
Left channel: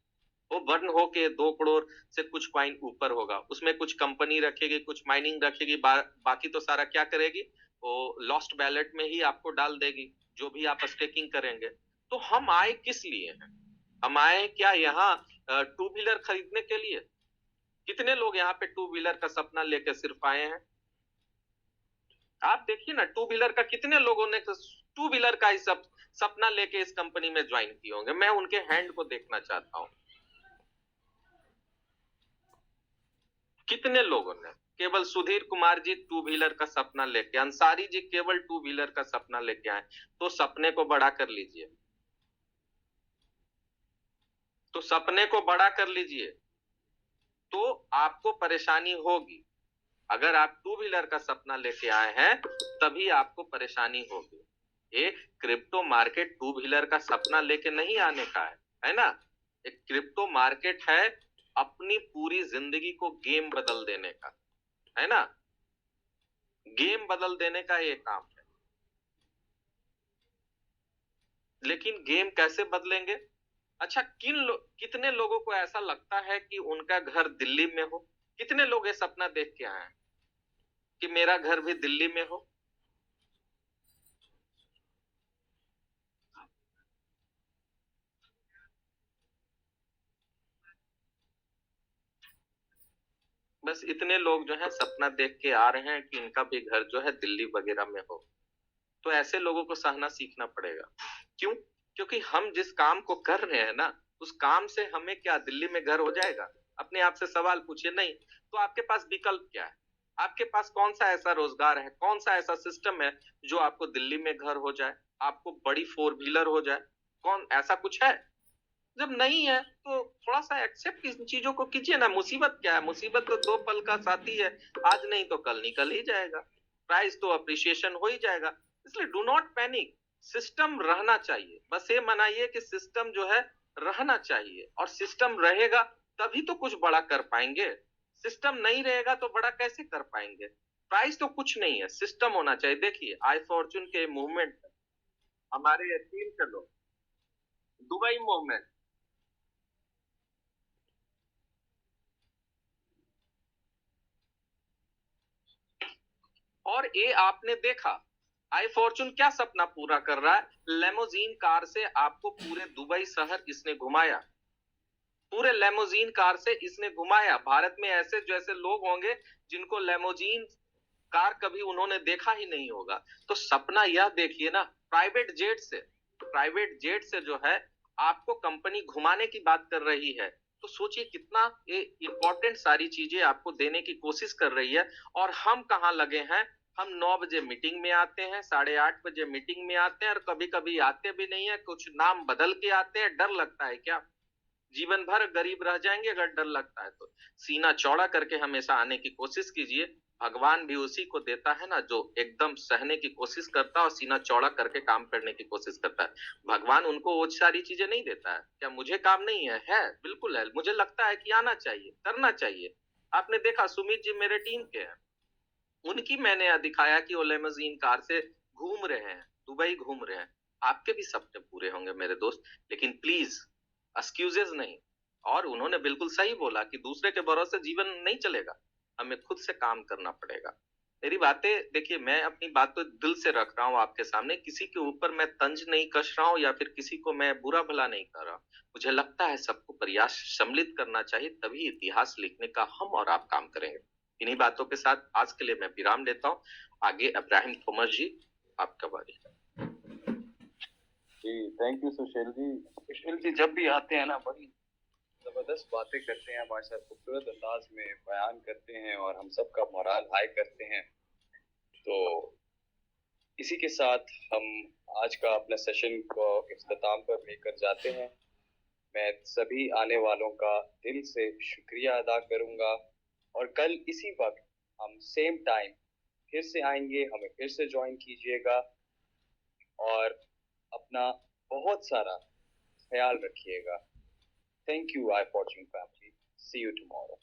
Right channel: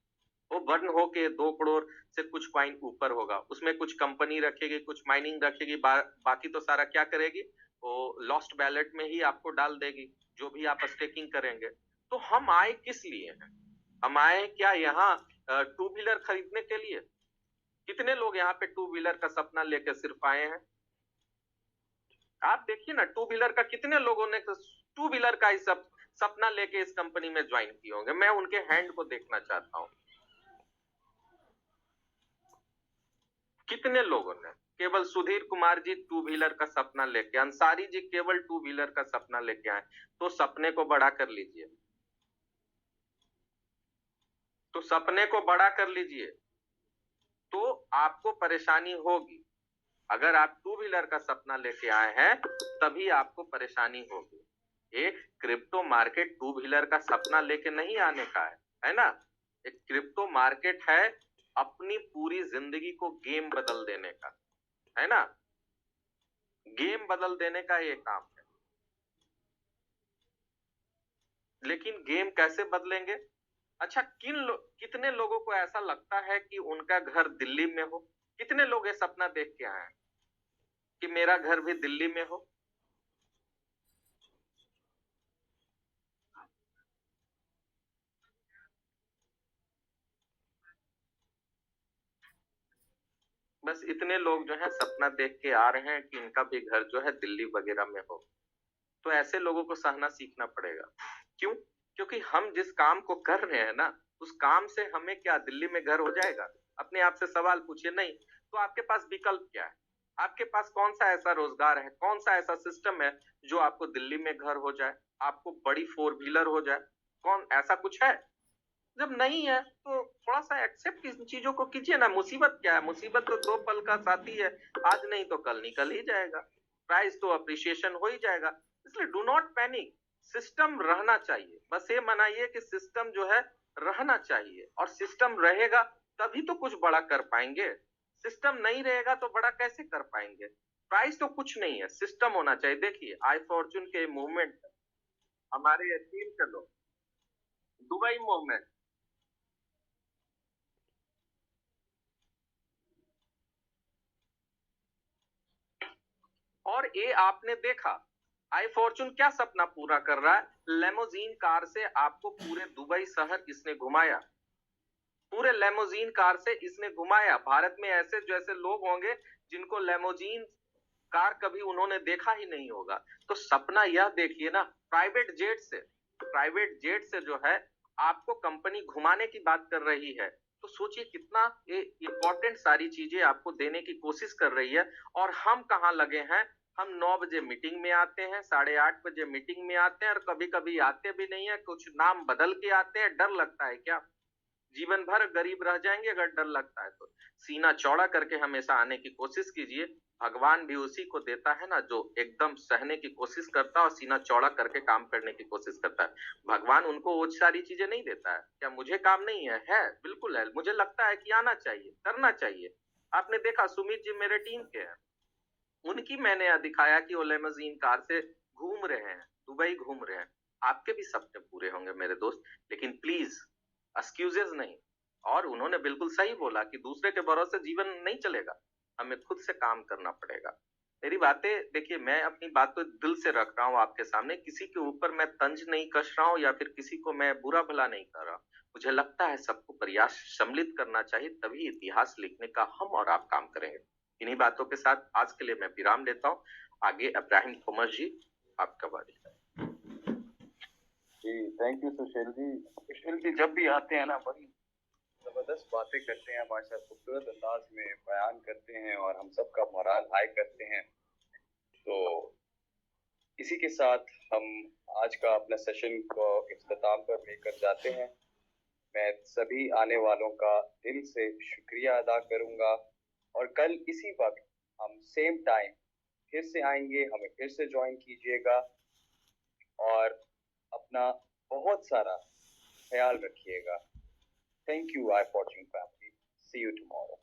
वो बर्न होके 2 करोड़ से कुछ कॉइन ऊपर होगा, उसमें कुछ कंपनी रखेगी, कुछ माइनिंग रखेगी, बाकी तो सारा क्या करेगी? वो लॉस्ट बैलेट में ही आपको डाल देगी, जो भी आप स्टेकिंग करेंगे। तो हम आए किस लिए हैं? हम आए क्या यहाँ 2 व्हीलर खरीदने के लिए? कितने लोग यहाँ पे 2 व्हीलर का सपना लेकर सिर्फ आए हैं? आप देखिए ना, 2 व्हीलर का कितने लोगों ने 2 व्हीलर का ही सपना लेके इस कंपनी में ज्वाइन किए होंगे। मैं उनके हैंड को देखना चाहता हूं। कितने लोगों ने? केवल सुधीर कुमार जी 2 व्हीलर का सपना लेके, अंसारी जी केवल 2 व्हीलर का सपना लेके आए। तो सपने को बड़ा कर लीजिए, तो सपने को बड़ा कर लीजिए, तो आपको परेशानी होगी। अगर आप 2 व्हीलर का सपना लेके आए हैं तभी आपको परेशानी होगी। ये क्रिप्टो मार्केट 2 व्हीलर का सपना लेके नहीं आने का है ना। एक क्रिप्टो मार्केट है अपनी पूरी जिंदगी को गेम बदल देने का, है ना। गेम बदल देने का ये काम है। लेकिन गेम कैसे बदलेंगे? अच्छा, कितने लोगों को ऐसा लगता है कि उनका घर दिल्ली में हो? कितने लोग ये सपना देख के आए हैं कि मेरा घर भी दिल्ली में हो? बस इतने लोग जो है सपना देख के आ रहे हैं कि इनका भी घर जो है दिल्ली वगैरह में हो। तो ऐसे लोगों को सहना सीखना पड़ेगा। क्यों? क्योंकि हम जिस काम को कर रहे हैं ना, उस काम से हमें क्या दिल्ली में घर हो जाएगा? अपने आप से सवाल पूछिए। नहीं। तो आपके पास विकल्प क्या है? आपके पास कौन सा ऐसा रोजगार है, कौन सा ऐसा सिस्टम है जो आपको दिल्ली में घर हो जाए, आपको बड़ी 4 व्हीलर हो जाए? कौन ऐसा कुछ है? जब नहीं है तो थोड़ा सा एक्सेप्ट इन चीजों को कीजिए ना। मुसीबत क्या है? मुसीबत तो 2 पल का साथी है, आज नहीं तो कल निकल ही जाएगा, प्राइस तो अप्रिशिएशन हो ही जाएगा। इसलिए डू नॉट पैनिक, सिस्टम रहना चाहिए। बस ये मनाइए कि सिस्टम जो है रहना चाहिए, और सिस्टम रहेगा तभी तो कुछ बड़ा कर पाएंगे। सिस्टम नहीं रहेगा तो बड़ा कैसे कर पाएंगे? प्राइस तो कुछ नहीं है, सिस्टम होना चाहिए। देखिए आई फॉर्चून के मूवमेंट, हमारे टीम के लोग, दुबई मूवमेंट, और ये आपने देखा आई फॉर्चून क्या सपना पूरा कर रहा है। लेमोजीन कार से आपको पूरे दुबई शहर इसने घुमाया, पूरे लेमोजीन कार से इसने घुमाया। भारत में ऐसे जैसे लोग होंगे जिनको लेमोजीन कार कभी उन्होंने देखा ही नहीं होगा। तो सपना यह देखिए ना, प्राइवेट जेट से जो है आपको कंपनी घुमाने की बात कर रही है। तो सोचिए कितना ये इंपॉर्टेंट सारी चीजें आपको देने की कोशिश कर रही है। और हम कहाँ लगे हैं? हम 9 बजे मीटिंग में आते हैं, 8:30 बजे मीटिंग में आते हैं, और कभी कभी आते भी नहीं है, कुछ नाम बदल के आते हैं। डर लगता है क्या? जीवन भर गरीब रह जाएंगे अगर डर लगता है तो। सीना चौड़ा करके हमेशा आने की कोशिश कीजिए। भगवान भी उसी को देता है ना जो एकदम सहने की कोशिश करता है और सीना चौड़ा करके काम करने की कोशिश करता है। भगवान उनको वो सारी चीजें नहीं देता है। क्या मुझे काम नहीं है? है, बिल्कुल है। मुझे लगता है कि आना चाहिए, करना चाहिए। आपने देखा सुमित जी मेरे टीम के हैं, उनकी मैंने दिखाया कि वो लेमोजीन कार से घूम रहे हैं, दुबई घूम रहे हैं। आपके भी सपने पूरे होंगे मेरे दोस्त, लेकिन प्लीज एक्सक्यूजेस नहीं। और उन्होंने बिल्कुल सही बोला कि दूसरे के भरोसे जीवन नहीं चलेगा, हमें खुद से काम करना पड़ेगा। मेरी बातें देखिए, मैं अपनी बात तो दिल से रख रहा हूँ आपके सामने, किसी के ऊपर मैं तंज नहीं कस रहा हूँ या फिर किसी को मैं बुरा भला नहीं कर रहा। मुझे लगता है सबको प्रयास सम्मिलित करना चाहिए, तभी इतिहास लिखने का हम और आप काम करेंगे। इन्हीं बातों के साथ आज के लिए मैं विराम लेता हूँ। आगे इब्राहिम थॉमस जी, आपका बारी है। जी थैंक यू सुशील जी। सुशील जी जब भी आते हैं ना बड़ी जबरदस्त बातें करते हैं, हमारे साथ खूबसूरत अंदाज में बयान करते हैं और हम सबका मोराल हाई करते हैं। तो इसी के साथ हम आज का अपना सेशन को इख्तिताम पर लेकर जाते हैं। मैं सभी आने वालों का दिल से शुक्रिया अदा करूंगा, और कल इसी वक्त हम सेम टाइम फिर से आएंगे। हमें फिर से ज्वाइन कीजिएगा और अपना बहुत सारा ख्याल रखिएगा। Thank you, iFortune family. See you tomorrow.